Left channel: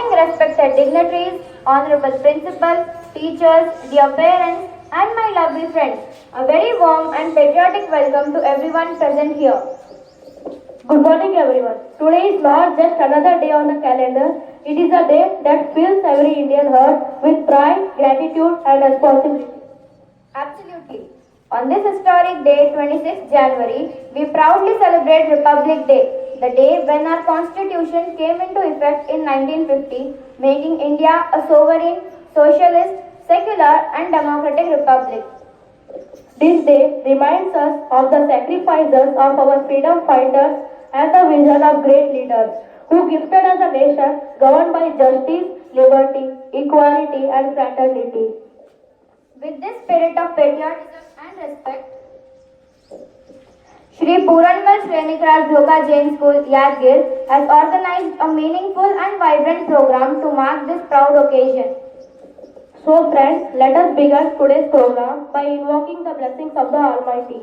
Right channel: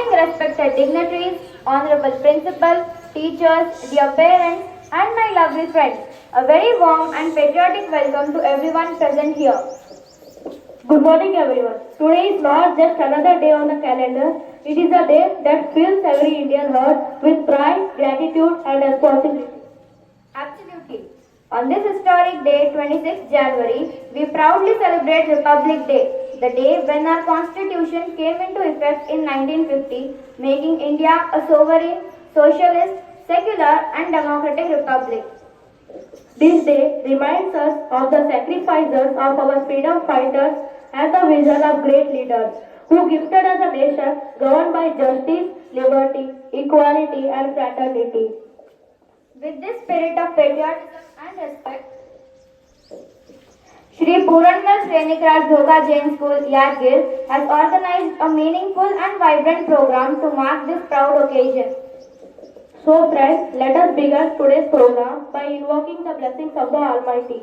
morning, respected dignitaries, honorable principal, teachers, dear parents, and my lovely friends. A very warm and patriotic welcome to everyone present here. Good morning, everyone. Today is not just another day on the calendar. It is a day that fills every Indian heart with pride, gratitude, and responsibility. Absolutely. On this historic day, 26th January, we proudly celebrate Republic Day, the day when our constitution came into effect in 1950, making India a sovereign, socialist, secular and democratic republic. This day reminds us of the sacrifices of our freedom fighters and the vision of great leaders who gifted us a nation governed by justice, liberty, equality, and fraternity. With this spirit of patriotism and respect, Shri Puranmal Srenikras Bhoga Jain School, Yadgir has organized a meaningful and vibrant program to mark this proud occasion. So friends, let us begin today's program by invoking the blessings of the Almighty.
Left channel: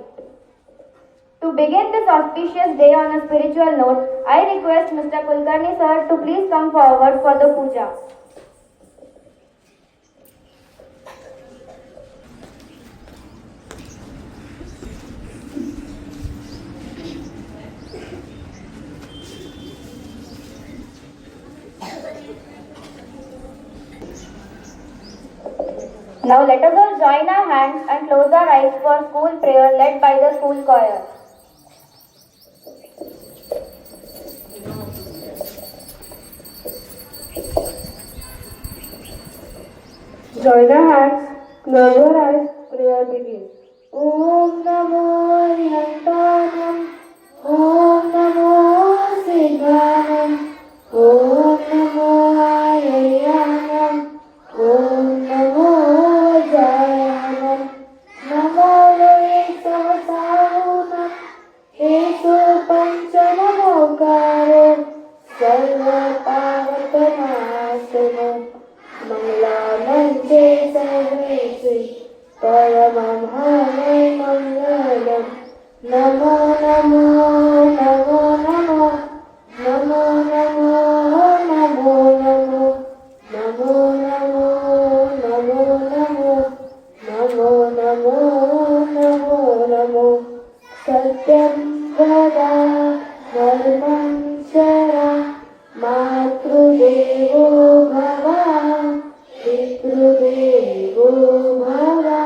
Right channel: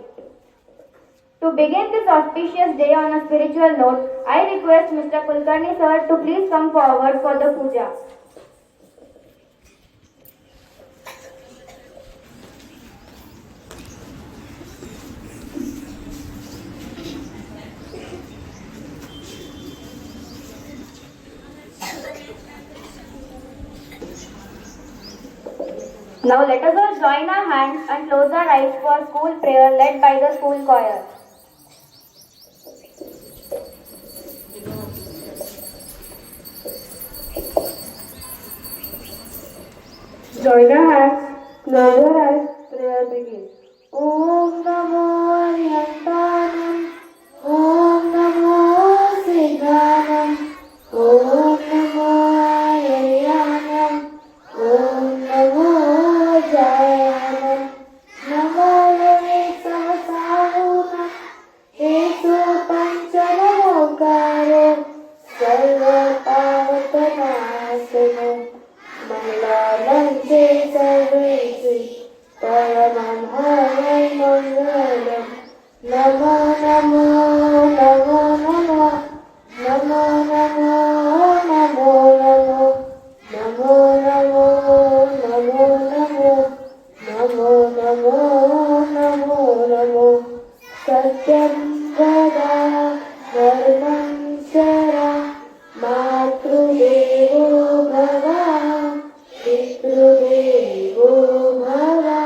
To begin this auspicious day on a spiritual note, I request Mr. Kulkarni sir to please come forward for the puja. Now let us all join our hands and close our eyes for school prayer led by the school choir. Join our hands, close your eyes, prayer begins. Om Namo Aryantanam, Om Namo Siddhanam, Om Namo Aryanam, Om Namo Jayanam, Namo Loe Savasavunam, Esu Panchanamokaro, Sarva Pavatanasanam, Mangalanam Sarvesi, Paramam Havai Mangalam, Namo Namo, Namo Namo, Namo Namo, Namo Namo, Namo Namo, Namo Namo, Namo Namo, Namo Namo, Satyam Vada, Dharmam Chara, Matrudevo Bhava, Pitrudevo Bhava,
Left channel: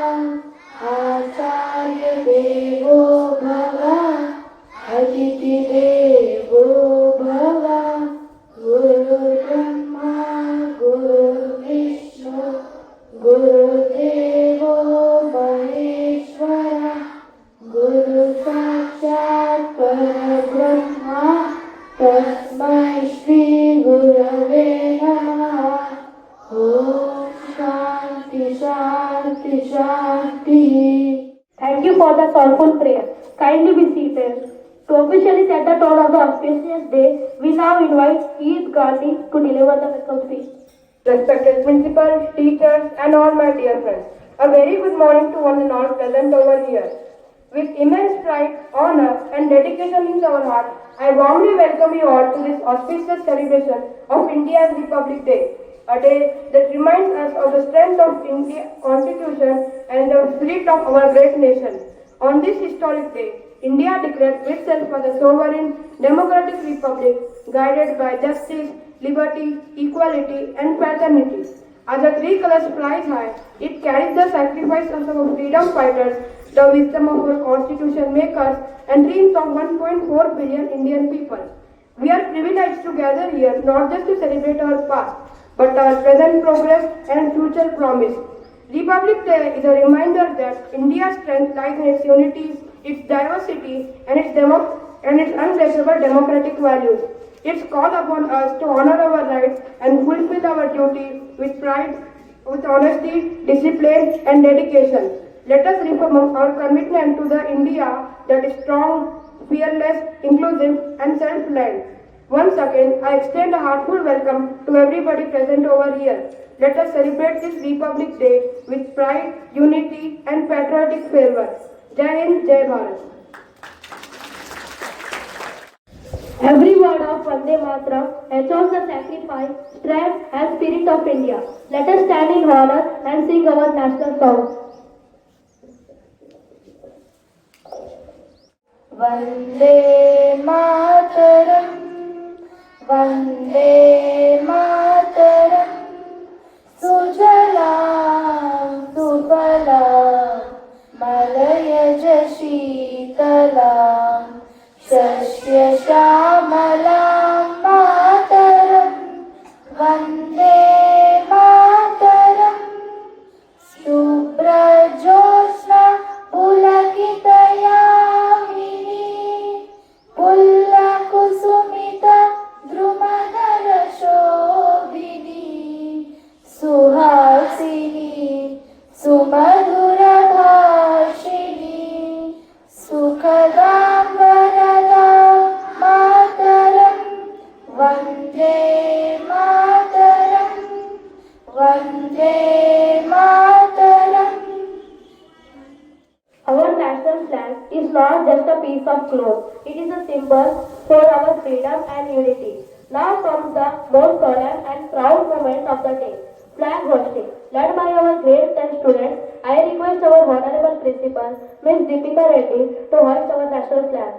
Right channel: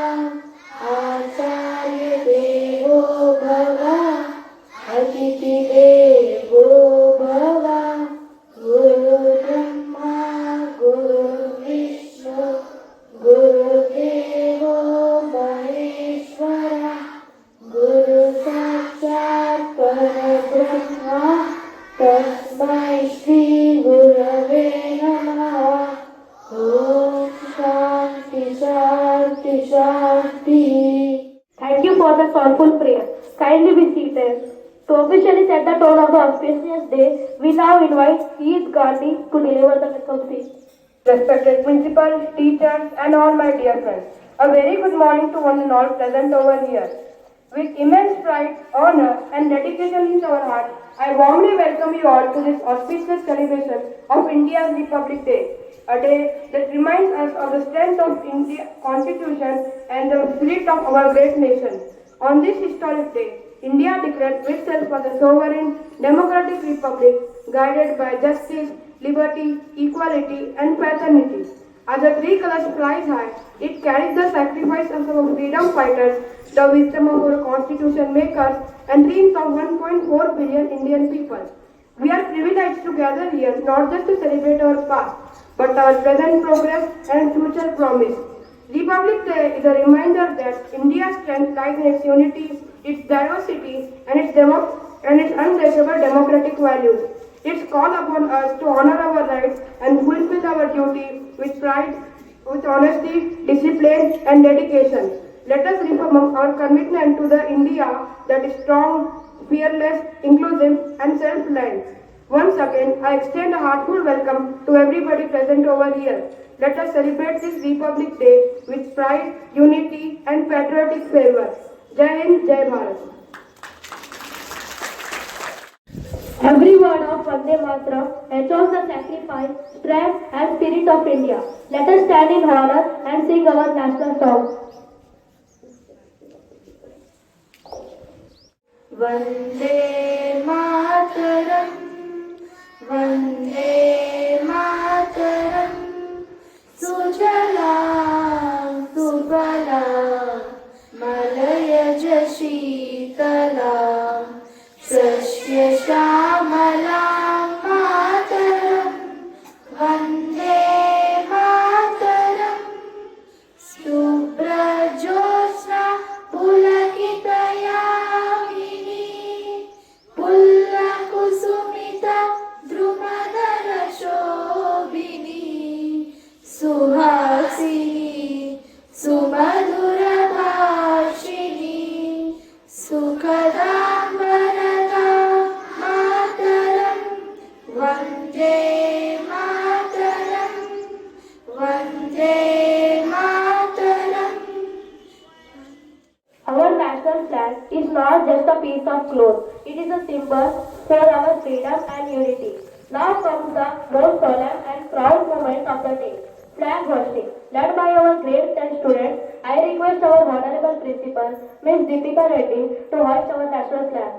Acharya Devo Bhava, Atiti Devo Bhava, Guru Brahma, Guru Vishnu, Guru Devo Maheshwara, Guru Sakshat Parabrahma, Tasmai Shri Gurave Namaha. Om Shanti Shanti Shanti. Thank you for the soulful prayer. Kindly be seated. To officially set the tone of the auspicious day, we now invite Keith Gandhi to deliver the welcome speech. Respected principal, teachers, and all my dear friends, a very good morning to one and all present over here. With immense pride, honor, and dedication in our heart, I warmly welcome you all to this auspicious celebration of India's Republic Day, a day that reminds us of the strength of India's Constitution and the spirit of our great nation. On this historic day, India declared itself as a sovereign, democratic republic guided by justice, liberty, equality, and fraternity. As the three colors flies high, it carries the sacrifices of our freedom fighters, the wisdom of our constitution makers, and dreams of 1.4 billion Indian people. We are privileged to gather here not just to celebrate our past, but our present progress and future promise. Republic Day is a reminder that India's strength lies in its unity, its diversity, and its unbreakable democratic values. It's called upon us to honor our rights and fulfill our duty with pride, with honesty, discipline, and dedication. Let us reaffirm our commitment to the India that is strong, fearless, inclusive, and self-reliant. Once again, I extend a heartfelt welcome to everybody present over here. Let us celebrate this Republic Day with pride, unity, and patriotic fervor. Jai Hind, Jai Bharat. Every word of Vande Mataram echoes the sacrifice, strength and spirit of India. Let us stand in honor and sing our national song. Vande Mataram Vande Mataram सुजलां सुफलां मलयज शीतलां सस्यश्यामलां मातरम् वन्दे मातरम् शुभ्रज्योत्स्ना पुलकितयामिनी पुल्लकुसुमिता द्रुमदलशोभिनी सुहासिनी सुमधुरभाषिणी सुखदां वरदां मातरम् Vande Mataram Vande Mataram. Our national flag is not just a piece of cloth, it is a symbol for our freedom and unity. Now comes the most solemn and proud moment of the day, flag hoisting. Led by our grade 10 students, I request our Honorable Principal, Ms. Deepika Reddy, to hoist our national flag.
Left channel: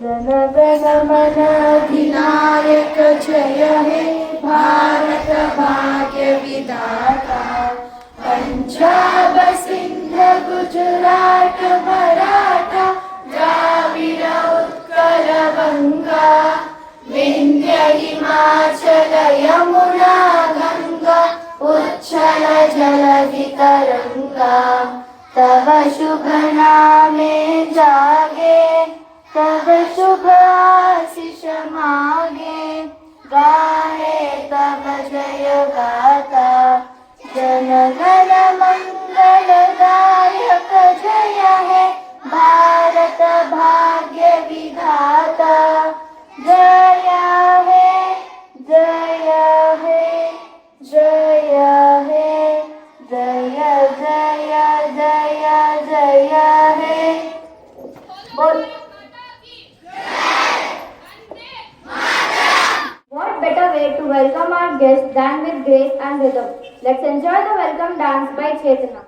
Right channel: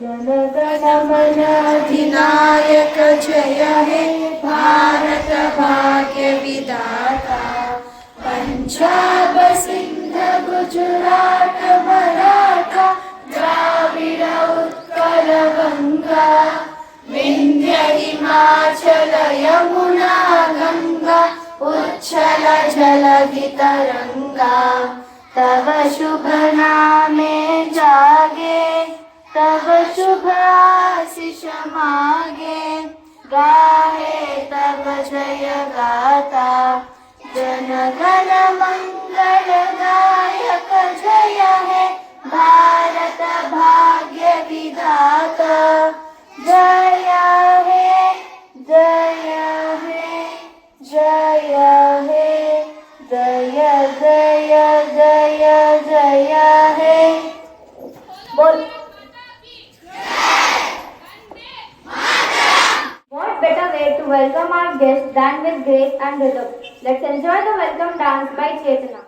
जनगण मन अधिनायक जय हे भारत भाग्य विधाता पंजाब सिंध गुजरात मराठा द्राविड उत्कल गंगा विंध्य हिमाचल यमुना गंगा उच्छल जलधि तरंगा तव शुभ नामे जागे तव शुभ आशीष मागे गाहे तव जय गाथा जन गण मंगल दायक जय हे भारत भाग्य विधाता जय हे जय हे जय हे जय जय जय जय हे बोल. What better way to welcome our guests than with grace and rhythm? Let's enjoy the welcome dance by Chetana.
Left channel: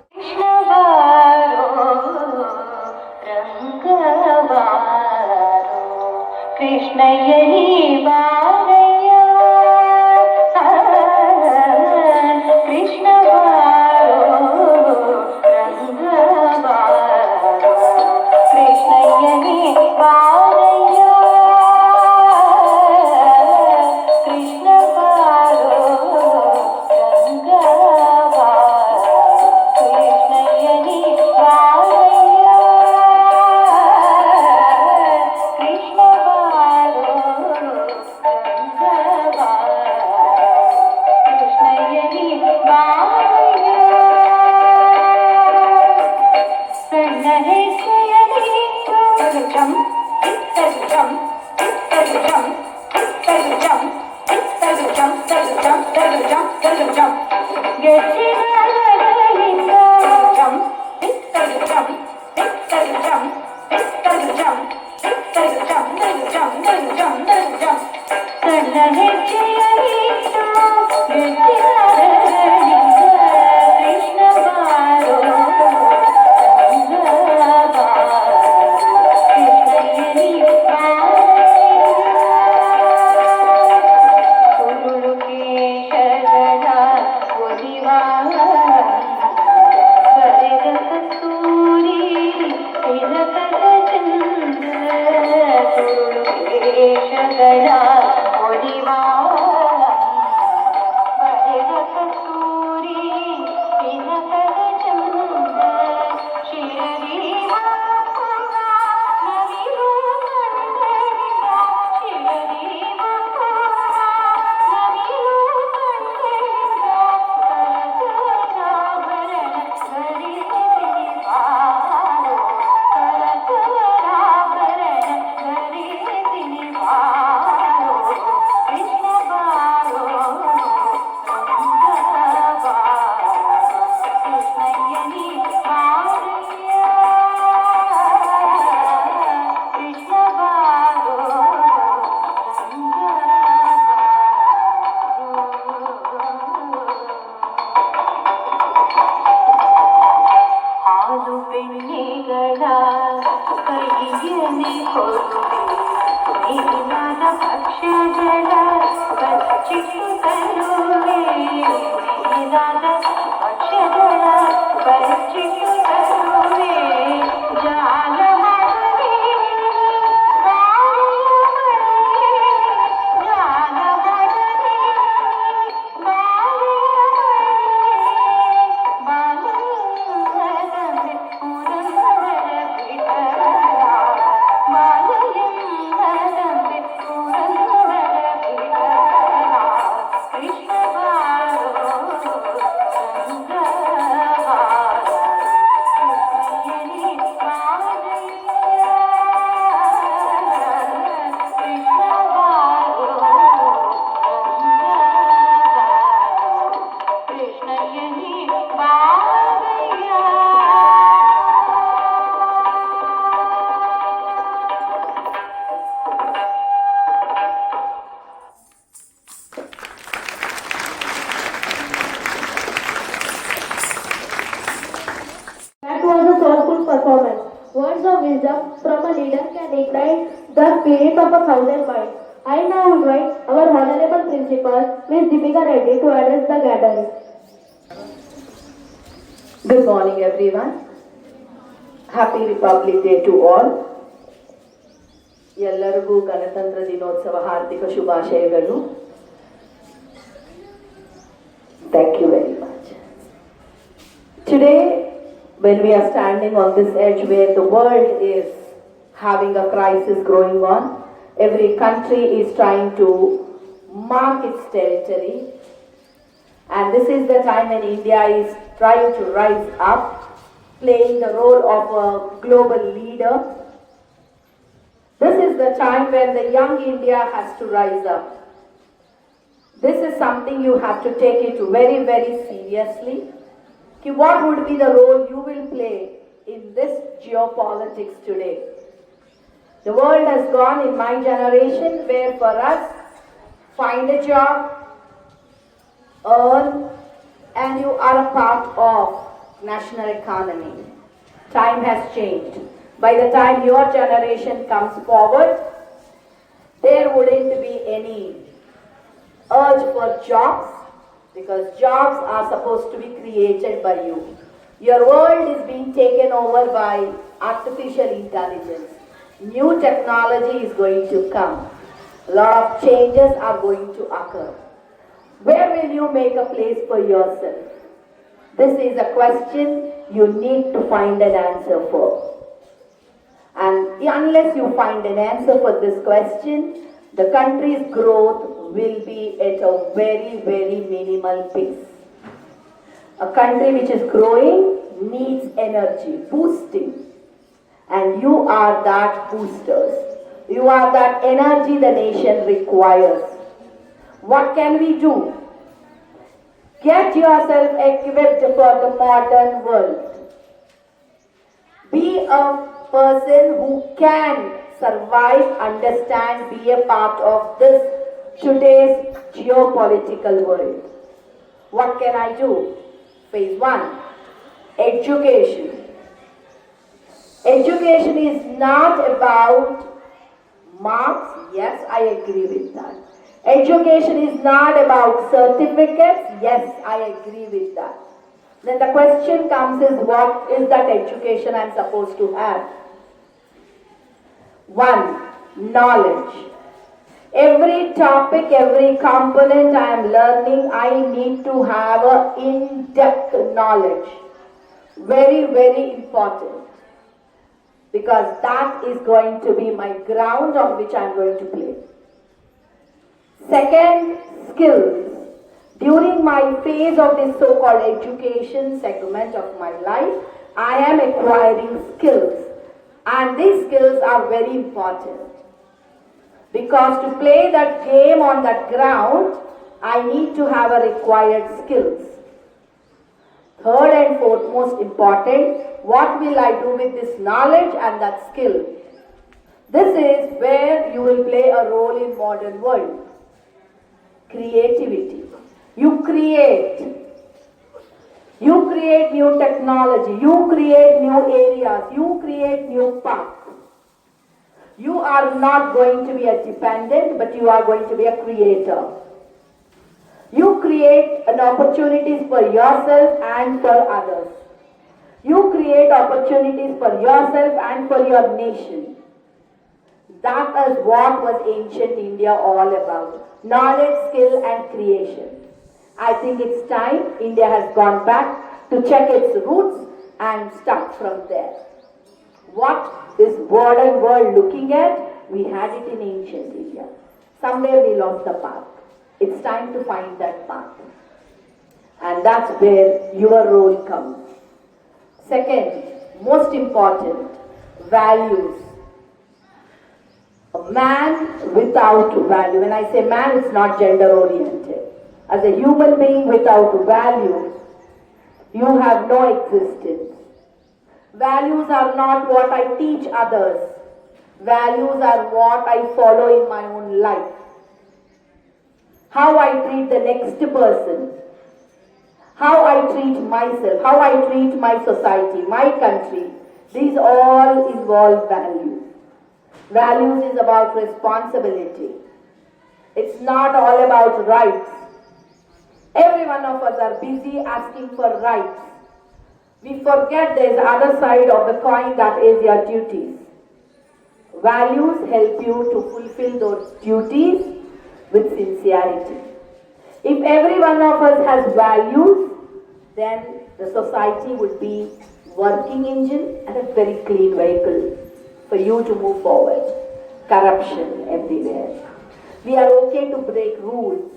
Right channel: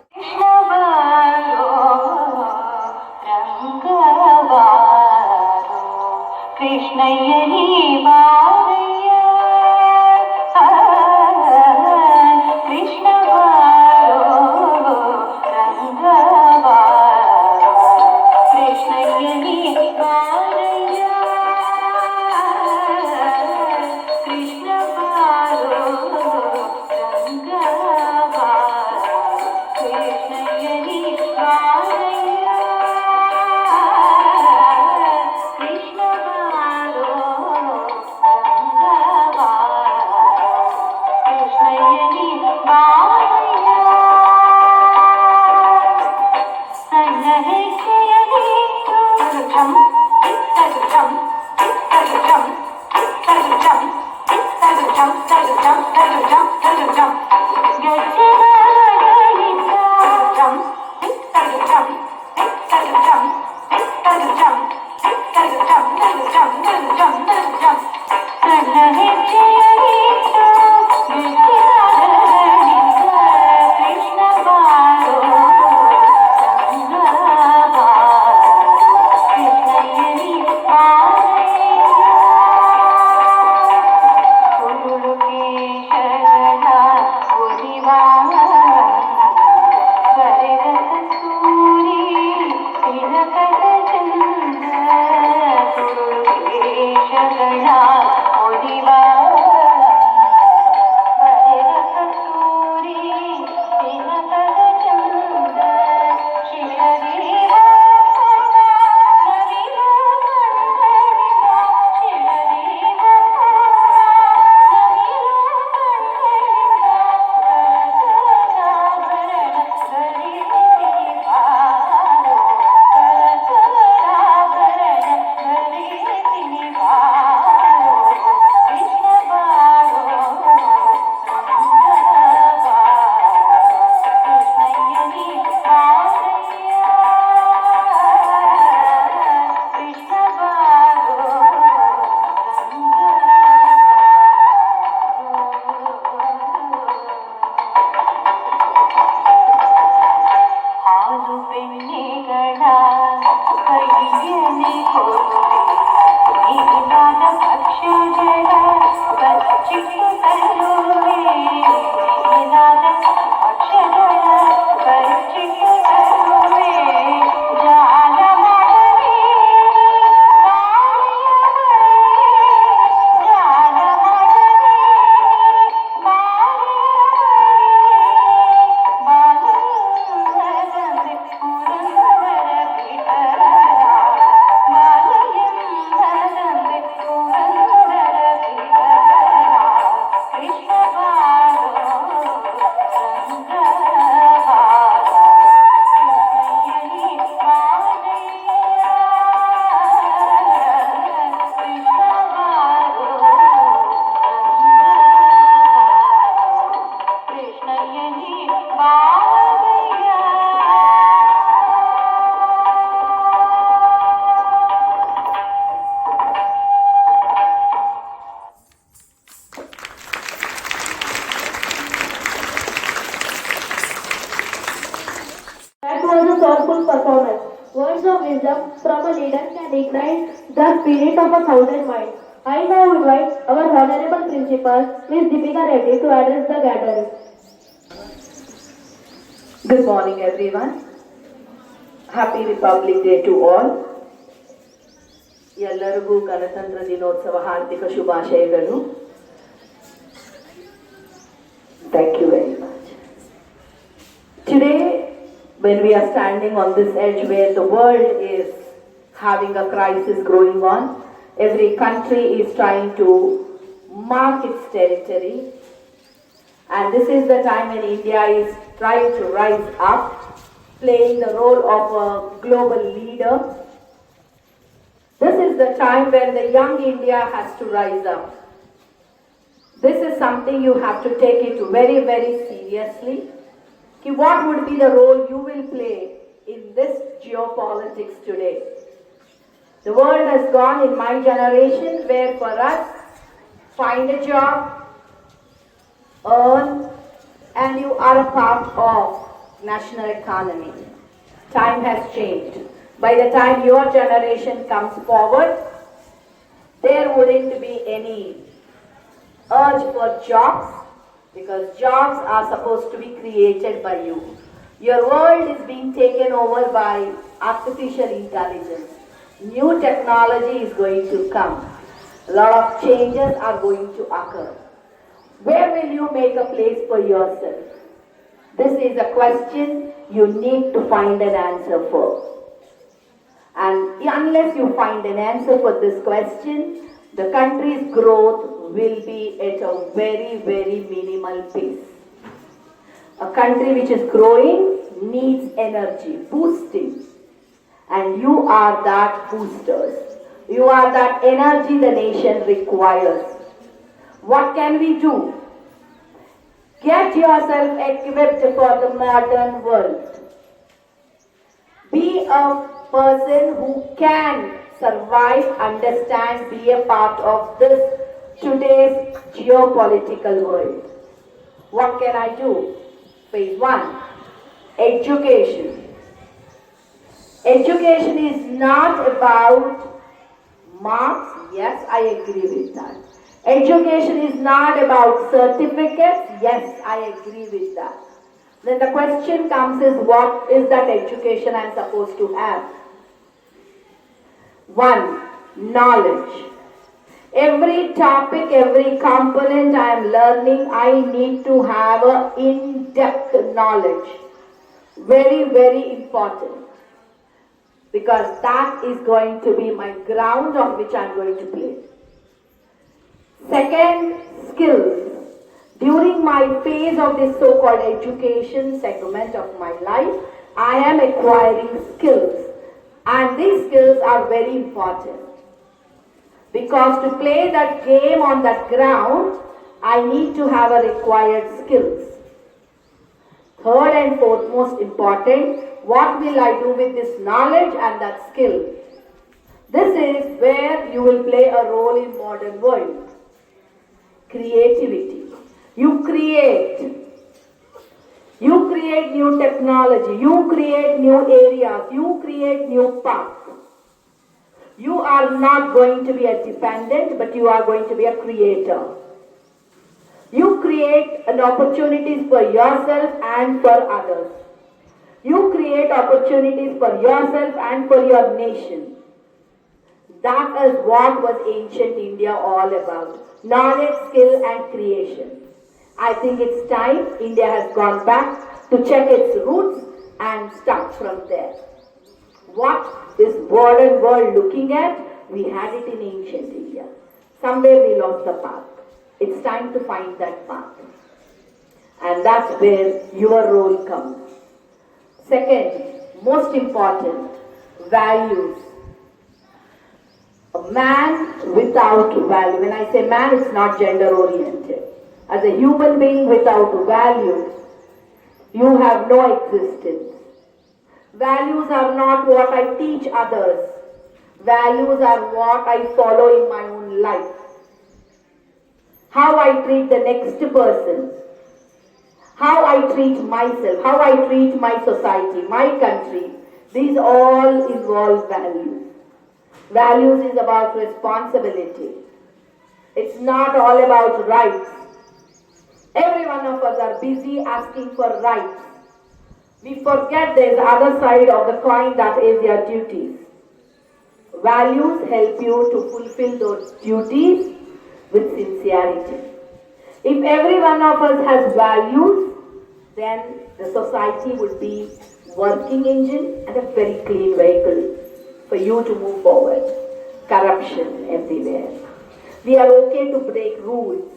कृष्णयनी Baraiya Krishna बारो रंग बारो कृष्णयनी बारैया कृष्ण बारो रंग बारो कृष्णयनी बारैया कृष्ण बारो रंग बारो कृष्णयनी बारैया Guru Keshavana Godiva ವೇಷಗಳ ಒಲಿವಾಳ ಬರೆದ ಕಸ್ತೂರಿ ತಿಲಕದ ಚಂದ ಶಿರದಿವ ನವಿಲು ಕಂದಳಿದ ಶಿರದಿವ ನವಿಲು ಕಂದಳಿದ ಕರಕರಾಭರಣ ಧರಿಸಿರಿ ಬಾರೋ ಕರಕರಾಭರಣ ಧರಿಸಿರಿ ಬಾರೋ ಕೃಷ್ಣ ಬಾರೋ ಕೃಷ್ಣಯ್ಯನಿ ಬಾರಯ್ಯ ಕೃಷ್ಣ ಬಾರೋ ಹಾಲು ಬೆಣ್ಣೆಗಳ ಕೈಯಲ್ಲಿ ಕೊಡುವೆ ನೀನಾದ ಭಕ್ಷ್ಯಗಳ ಬಚ್ಚಿಟ್ಟು ತರುವೆ ನೀನಾದ ಭಕ್ಷ್ಯಗಳ ಬಚ್ಚಿಟ್ಟು ತರುವೆ ಜಾಲ ಮಾಡದೆ ಜಾಲ ಮಾಡದೆ ಬಾಲಯಂದದೆ ಪುರಂದರ ಬಿಡರ ಬಾಲಯಂದದೆ ಪುರಂದರ ಬಿಡರ ಕೃಷ್ಣ ಬಾರೋ ರಂಗ ಬಾರೋ ಕೃಷ್ಣಯ್ಯನಿ ಬಾರಯ್ಯ ಕೃಷ್ಣ ಬಾರೋ ಕೃಷ್ಣಯ್ಯನಿ ಬಾರಯ್ಯ. That was a soulful performance. Words of wisdom from a leader can ignite the spirit of 1,000 minds. I now invite our Honorable Principal, Ms. Deepika Reddy, to address the gathering. Good morning, everyone. Happy Republic Day to all. ಎಲ್ಲರಿಗೂ ಗಣತಂತ್ರ ದಿನೋತ್ಸವ ಹಾರ್ದಿಕ ಶುಭಾಶಯಗಳು. Thank you very much. Today, when we are standing on this edge where the world is having a crisis growing on, every country is trying to mark its territory, and this is the time when India is trying to rise up, playing the role of a global leader. This is the time when the young India has to rise up. This is something you have to take it very, very seriously. What would be the role you will play in this geopolitics today? The world has gone in my generation where for us, find a job, earn, and you are a part of national economy. Time has changed. By the time your generation comes forward, there wouldn't be any urge for jobs, because jobs are supposed to be created by you. Your world is being taken over by artificial intelligence. New technology is going to come. A lot of changes are going to occur. Where will you make a place for yourself? This is a question you need to find an answer for. And unless you find an answer for this question, the country's growth will be at a very, very minimal pace. A country which is growing needs energy, boosting. And you are that boosters. You are that energy the nation requires. What can we do? Get yourself equipped for the modern world. Be a person who can survive, understand, be a part of this today's geopolitical world. What can I do? Phase 1, education. Education is not about marks. Yes, I agree with that. Education is not about certificates. Yes, I agree with that. Then the question comes is, what is that education I'm supposed to have? 1. knowledge. Every topic, every component I am learning, I need to have a in-depth knowledge. Very, very important. Because that is going to be my ground on which I am going to play. Second, skills. During my phase of this so-called education segment of my life, I am acquiring skills. And these skills are very important. Because to play that game on that ground, I need to have a required skills. Third and fourth most important, what will I do with this knowledge and that skill? This is where you will play a role in modern world. Creativity. You create new technology, you create new areas, you create new paths. You are not going to be a dependent, but you are going to be a creator. You create an opportunities for yourself and for others. You create opportunities for yourself and for your nation. That is what was ancient India all about. Knowledge, skill and creation. I think it's time India has gone back to check its roots and start from there. What is modern world looking at? We had it in ancient India. Somewhere we lost the path. It's time to find that path. And that's where your role comes. Second, most important, values. A man without value. When I say man, it's not gender oriented. As a human being without value, you have no existence. Values are not what I teach others. Values are what I follow in my own life. How I treat the next person. How I treat myself. How I treat my society, my country. These all involve values. Values is about responsibility. It's not all about rights. Every one of us are busy asking for rights. We forget there is other side of the coin, that is your duties. Values help you to fulfill those duties with sincerity. If every one of us has values, then the society would be working engine and a very clean vehicle for you to move forward. Corruption everywhere. We are okay to break rules.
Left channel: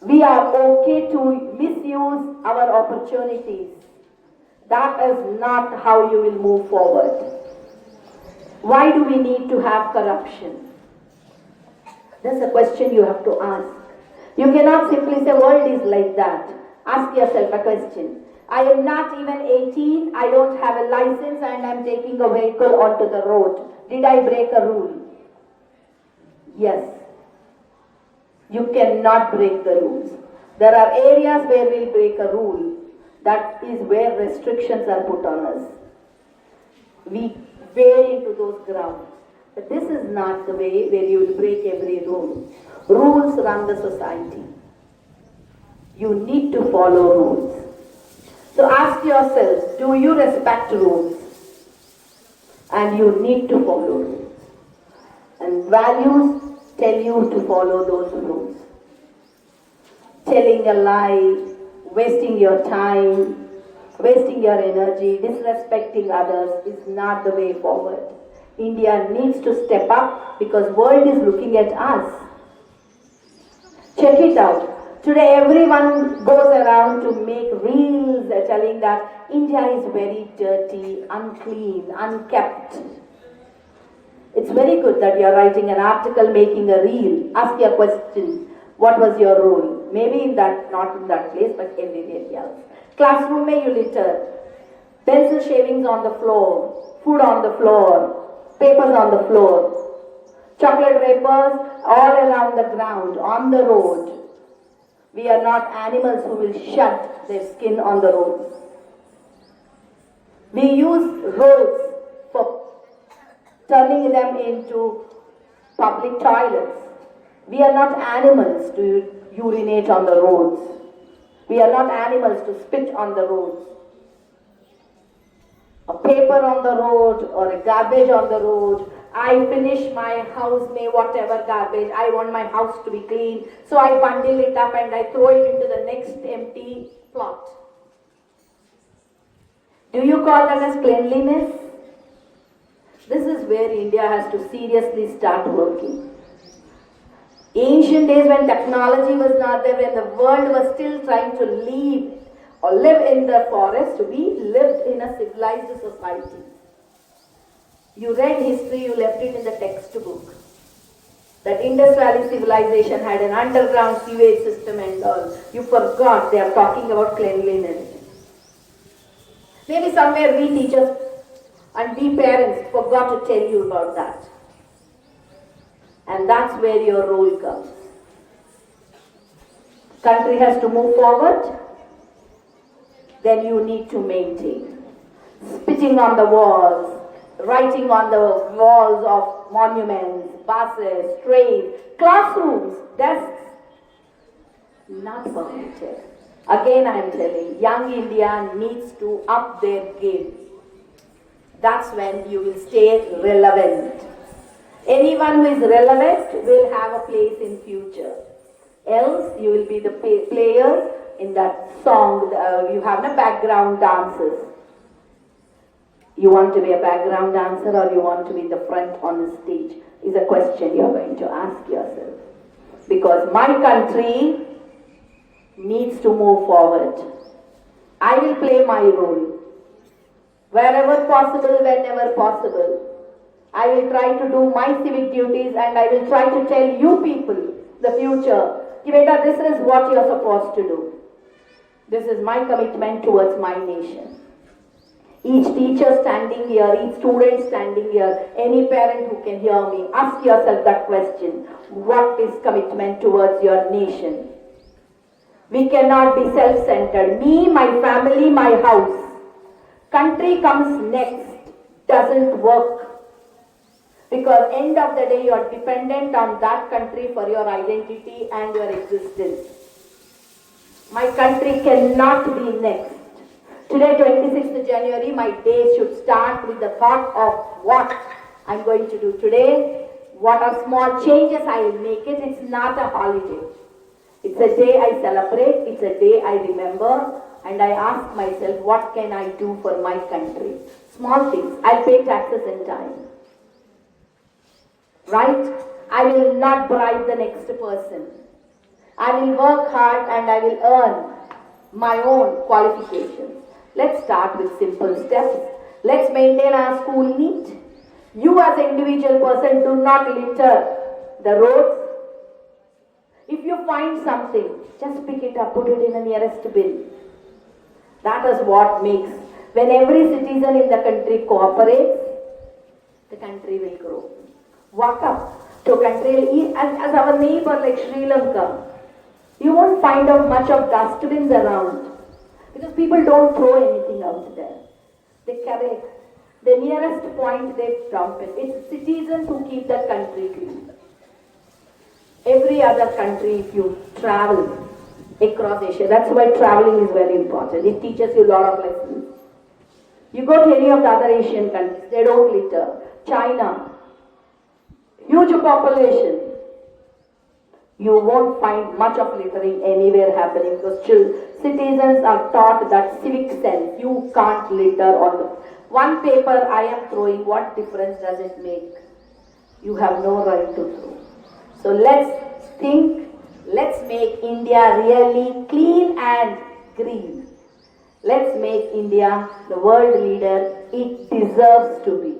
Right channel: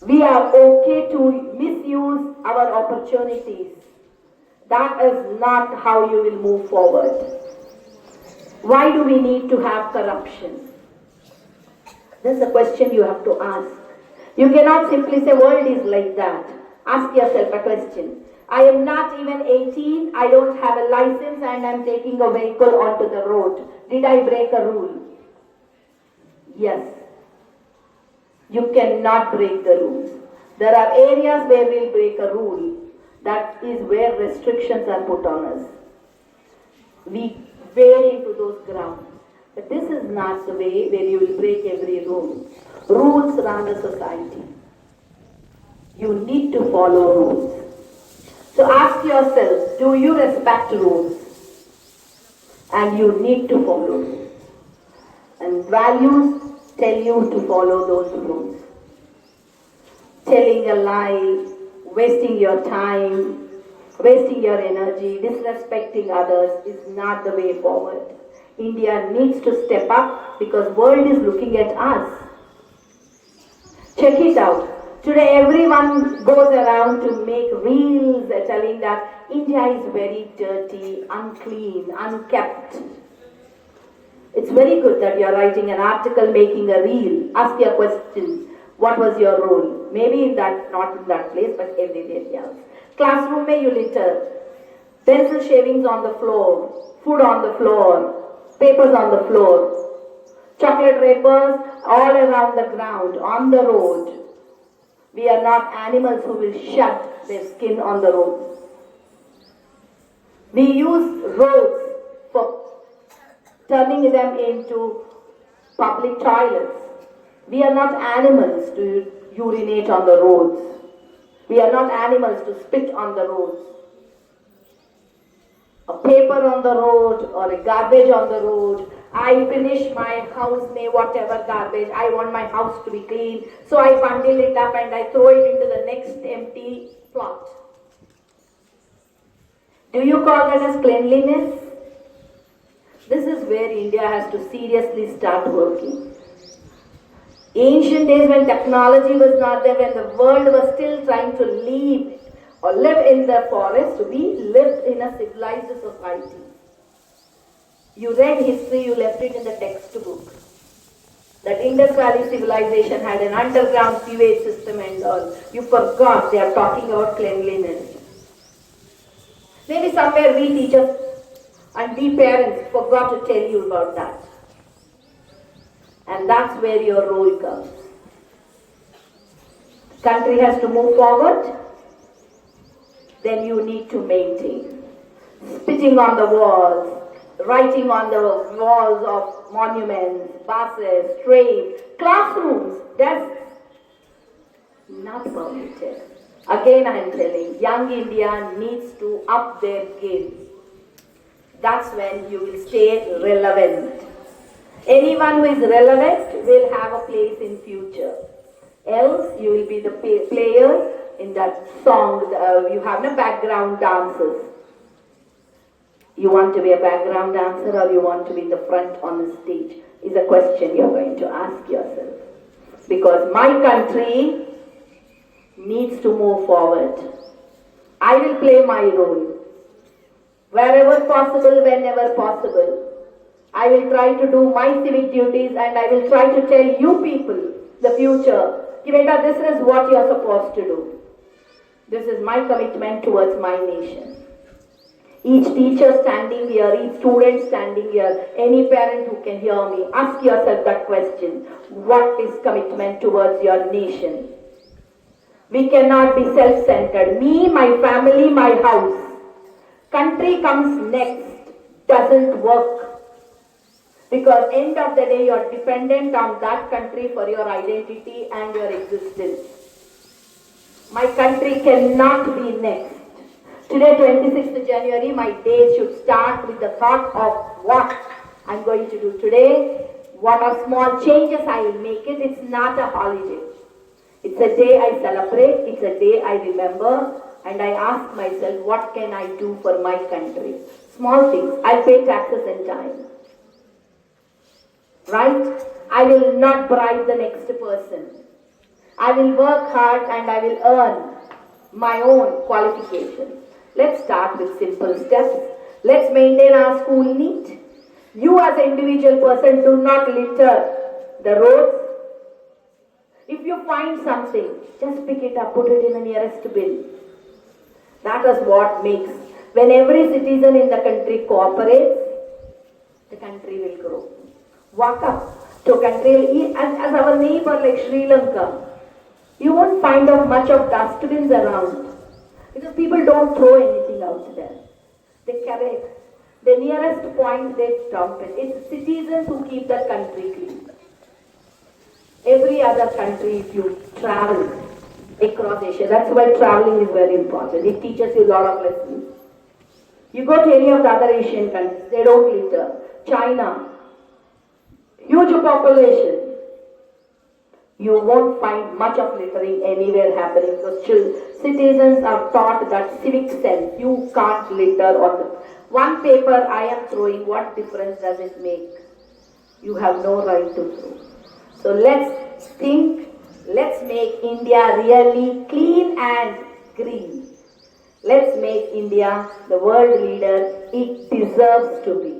We are okay to misuse our opportunities. That is not how you will move forward. Why do we need to have corruption? That's a question you have to ask. You cannot simply say world is like that. Ask yourself a question. I am not even 18, I don't have a license and I am taking a vehicle onto the road. Did I break a rule? Yes. You cannot break the rules. There are areas where we'll break a rule. That is where restrictions are put on us. We veer into those grounds. But this is not the way where you will break every rule. Rules run the society. You need to follow rules. So ask yourself, do you respect rules? And you need to follow rules. And values tell you to follow those rules. Telling a lie, wasting your time, wasting your energy, disrespecting others is not the way forward. India needs to step up because world is looking at us. Check it out. Today everyone goes around to make reels telling that India is very dirty, unclean, unkept. It's very good that you are writing an article, making a reel. Ask your question, what was your role? Maybe in that, not in that place, but everywhere else. Classroom mein you litter. Pencil shavings on the floor, food on the floor, papers on the floor, chocolate wrappers all around the ground, on the road. We are not animals who will shed their skin on the road. We use roads for turning them into public toilets. We are not animals to urinate on the roads. We are not animals to spit on the roads. A paper on the road or a garbage on the road I finish my house, may whatever garbage, I want my house to be clean. So I bundle it up and I throw it into the next empty plot. Do you call that as cleanliness? This is where India has to seriously start working. Ancient days when technology was not there, when the world was still trying to live in the forest, we lived in a civilized society. You read history, you left it in the textbook. That Indus Valley civilization had an underground sewage system and all. You forgot they are talking about cleanliness. Maybe somewhere we teachers and we parents forgot to tell you about that. And that's where your role comes. Country has to move forward, then you need to maintain. Spitting on the walls, writing on the walls of monuments, buses, trains, classrooms, desks, not permitted. Again I am telling, young India needs to up their game. That's when you will stay relevant. Anyone who is relevant will have a place in future. Else you will be the player in that song. You have no background dancers. You want to be a background dancer or you want to be in the front on the stage is a question you are going to ask yourself. Because my country needs to move forward. I will play my role. Wherever possible, whenever possible. I will try to do my civic duties and I will try to tell you people, the future, Kiveta, this is what you are supposed to do. This is my commitment towards my nation. Each teacher standing here, each student standing here, any parent who can hear me, ask yourself that question. What is commitment towards your nation? We cannot be self-centered. Me, my family, my house. Country comes next. Doesn't work. Because end of the day, you are dependent on that country for your identity and your existence. My country cannot be next. Today, 26th January, my day should start with the thought of what I'm going to do today, what are small changes I will make it. It's not a holiday. It's a day I celebrate, it's a day I remember, and I ask myself, what can I do for my country? Small things. I'll pay taxes in time. Right? I will not bribe the next person. I will work hard and I will earn my own qualifications. Let's start with simple steps. Let's maintain our school neat. You as an individual person do not litter the roads. If you find something, just pick it up, put it in the nearest bin. That is what makes. When every citizen in the country cooperates, the country will grow. Walk up to a country as our neighbor like Sri Lanka. You won't find out much of dustbins around because people don't throw anything out there. They collect. The nearest point they dump it. It's citizens who keep that country clean. Every other country, if you travel across Asia, that's why traveling is very important. It teaches you a lot of lessons. You go to any of the other Asian countries, they don't litter. China, huge population. You won't find much of littering anywhere happening because citizens are taught that civic sense. You can't litter on the one paper I am throwing. What difference does it make? You have no right to throw. So let's think, let's make India really clean and green. Let's make India the world leader it deserves to be.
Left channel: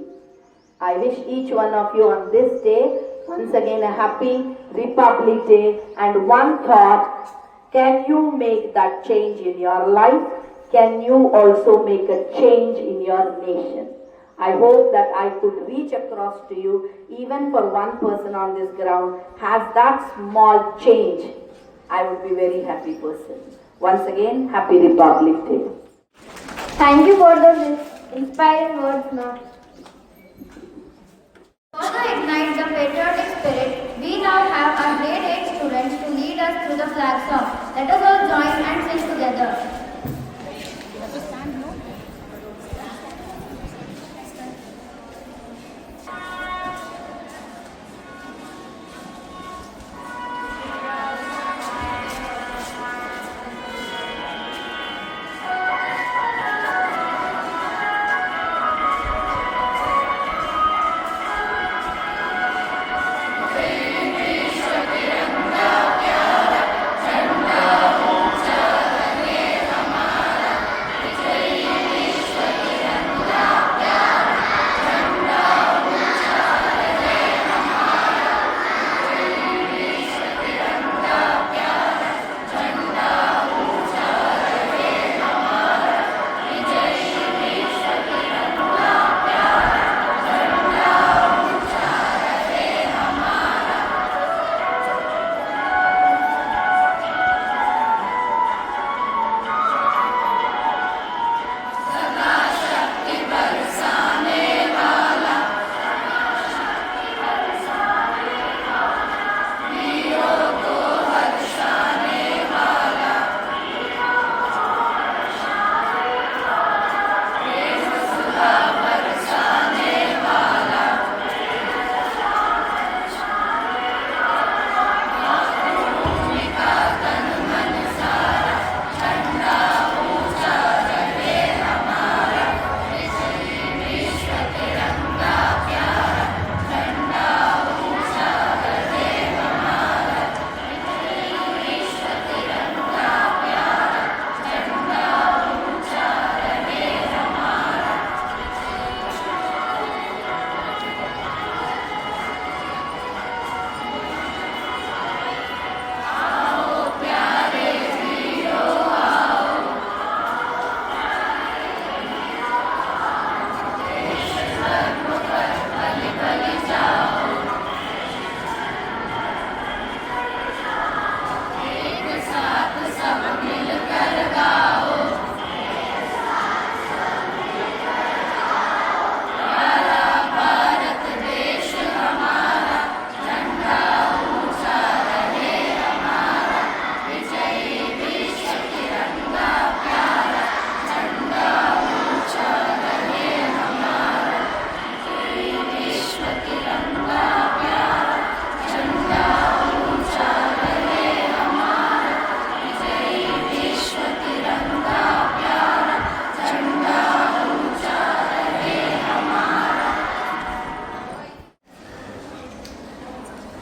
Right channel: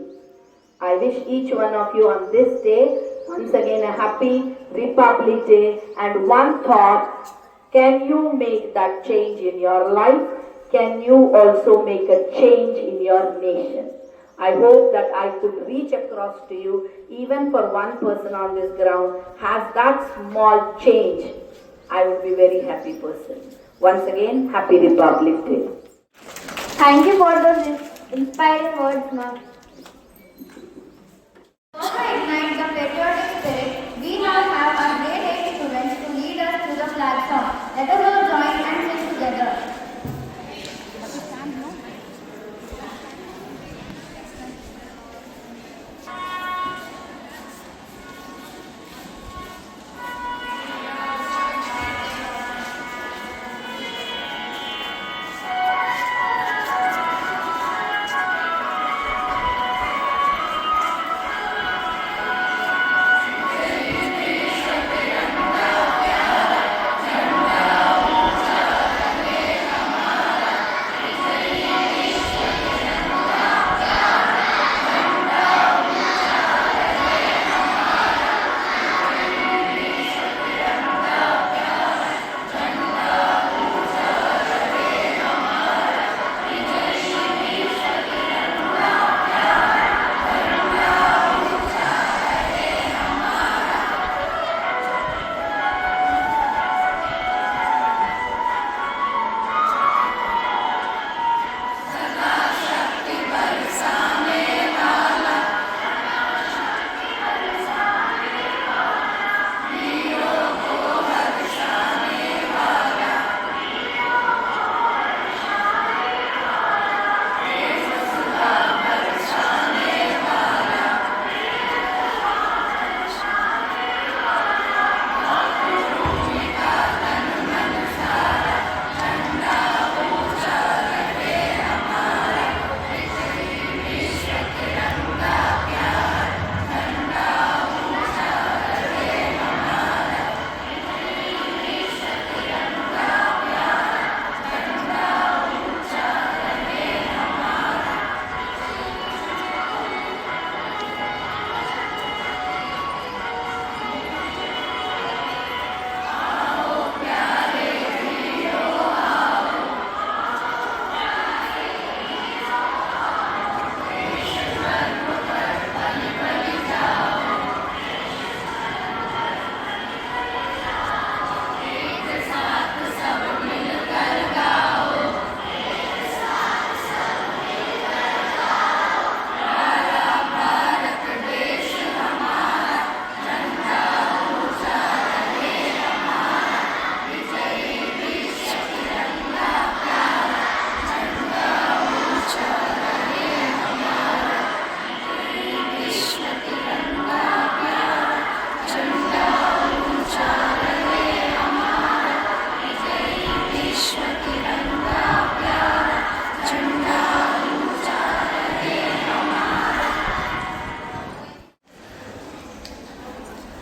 I wish each one of you on this day, once again a happy Republic Day, and one thought, can you make that change in your life? Can you also make a change in your nation? I hope that I could reach across to you, even for one person on this ground has that small change. I would be a very happy person. Once again, happy Republic Day. Thank you for those inspiring words, ma'am. To ignite the patriotic spirit, we now have our grade 8 students to lead us through the flag song. Let us all join and sing together.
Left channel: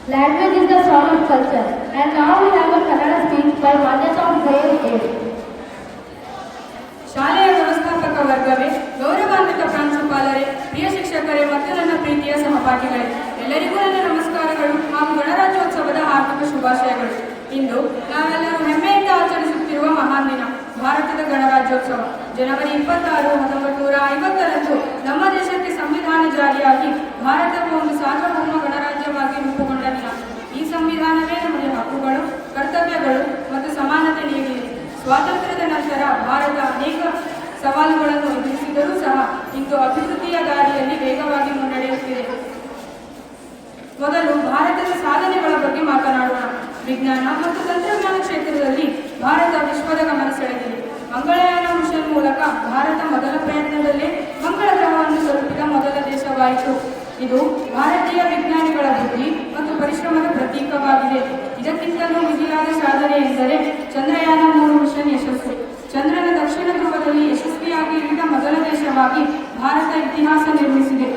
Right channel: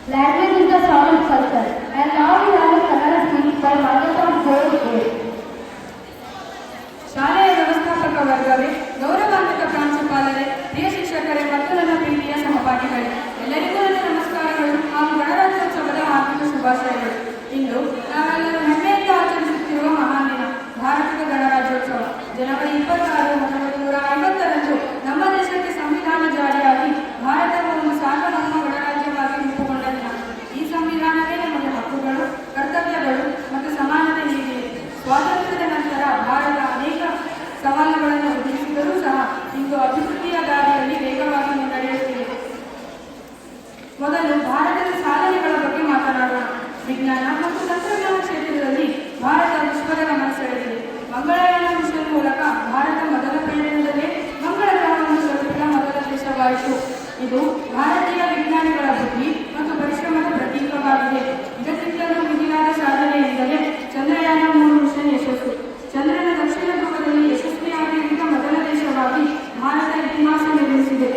Language is the soul of culture, and now we have a Kannada speech by Manyata Grade 8. ಶಾಲೆಯ ವ್ಯವಸ್ಥಾಪಕ ವರ್ಗವೇ, ಗೌರವಾನ್ವಿತ ಪ್ರಾಂಶುಪಾಲರೇ, ಪ್ರಿಯ ಶಿಕ್ಷಕರೇ ಮತ್ತು ನನ್ನ ಪ್ರೀತಿಯ ಸಹಪಾಠಿಗಳೇ, ಎಲ್ಲರಿಗೂ ನನ್ನ ನಮಸ್ಕಾರಗಳು ಹಾಗೂ ಗಣರಾಜ್ಯೋತ್ಸವದ ಹಾರ್ದಿಕ ಶುಭಾಶಯಗಳು. ಇಂದು ನಾವೆಲ್ಲರೂ ಹೆಮ್ಮೆಯಿಂದ ಆಚರಿಸುತ್ತಿರುವ ಮಹಾನ್ ದಿನ ಭಾರತದ ಗಣರಾಜ್ಯೋತ್ಸವ. ಜನವರಿ 26, 1950ರಂದು ನಮ್ಮ ದೇಶಕ್ಕೆ ಸಂವಿಧಾನ ಜಾರಿಯಾಗಿ ಭಾರತವು ಒಂದು ಸಾರ್ವಭೌಮ ಗಣರಾಜ್ಯವಾಗಿ ರೂಪುಗೊಂಡ ದಿನ. ಈ ಸಂವಿಧಾನವೇ ನಮಗೆ ಹಕ್ಕುಗಳು, ಕರ್ತವ್ಯಗಳು ಮತ್ತು ಸಮಾನತೆ ನೀಡಿದೆ. ಸ್ವಾತಂತ್ರ್ಯದ ನಂತರ ಭಾರತ ಅನೇಕ ಸವಾಲುಗಳನ್ನು ಎದುರಿಸಿದರೂ ಸಹ ಇಂದು ಅಭಿವೃದ್ಧಿಯ ದಾರಿಯಲ್ಲಿ ವೇಗವಾಗಿ ಮುನ್ನಡೆಯುತ್ತಿದೆ. ಮೊದಲು ಭಾರತದ ಸಾಧನೆಗಳ ಬಗ್ಗೆ ಮಾತನಾಡೋಣ. ವಿಜ್ಞಾನ ಮತ್ತು ತಂತ್ರಜ್ಞಾನ ಕ್ಷೇತ್ರದಲ್ಲಿ ಭಾರತ ವಿಶ್ವದ ಗಮನ ಸೆಳೆದಿದೆ. ಮಂಗಳಯಾನ ಮಿಷನ್ ಮೂಲಕ ಭಾರತ ಮೊದಲ ಪ್ರಯತ್ನದಲ್ಲೇ ಮಂಗಳ ಗ್ರಹವನ್ನು ತಲುಪಿದ ಮೊದಲ ದೇಶವಾಯಿತು. ಇದು ಭಾರತೀಯ ವಿಜ್ಞಾನಿಗಳ ಬುದ್ಧಿ ಮತ್ತು ಪರಿಶ್ರಮದ ಪ್ರತೀಕವಾಗಿದೆ. ಇದಕ್ಕಿಂತಲೂ ಮಿಗಿಲಾದ ಸಾಧನೆ ಎಂದರೆ ಚಂದ್ರಯಾನ 3 ಮಿಷನ್ ಯಶಸ್ಸು. ಚಂದ್ರನ ದಕ್ಷಿಣ ಧ್ರುವದಲ್ಲಿ ಯಶಸ್ವಿಯಾಗಿ ಇಳಿದ ಮೊದಲ ದೇಶವಾಗಿ ಭಾರತ ಇತಿಹಾಸ ನಿರ್ಮಿಸಿದೆ.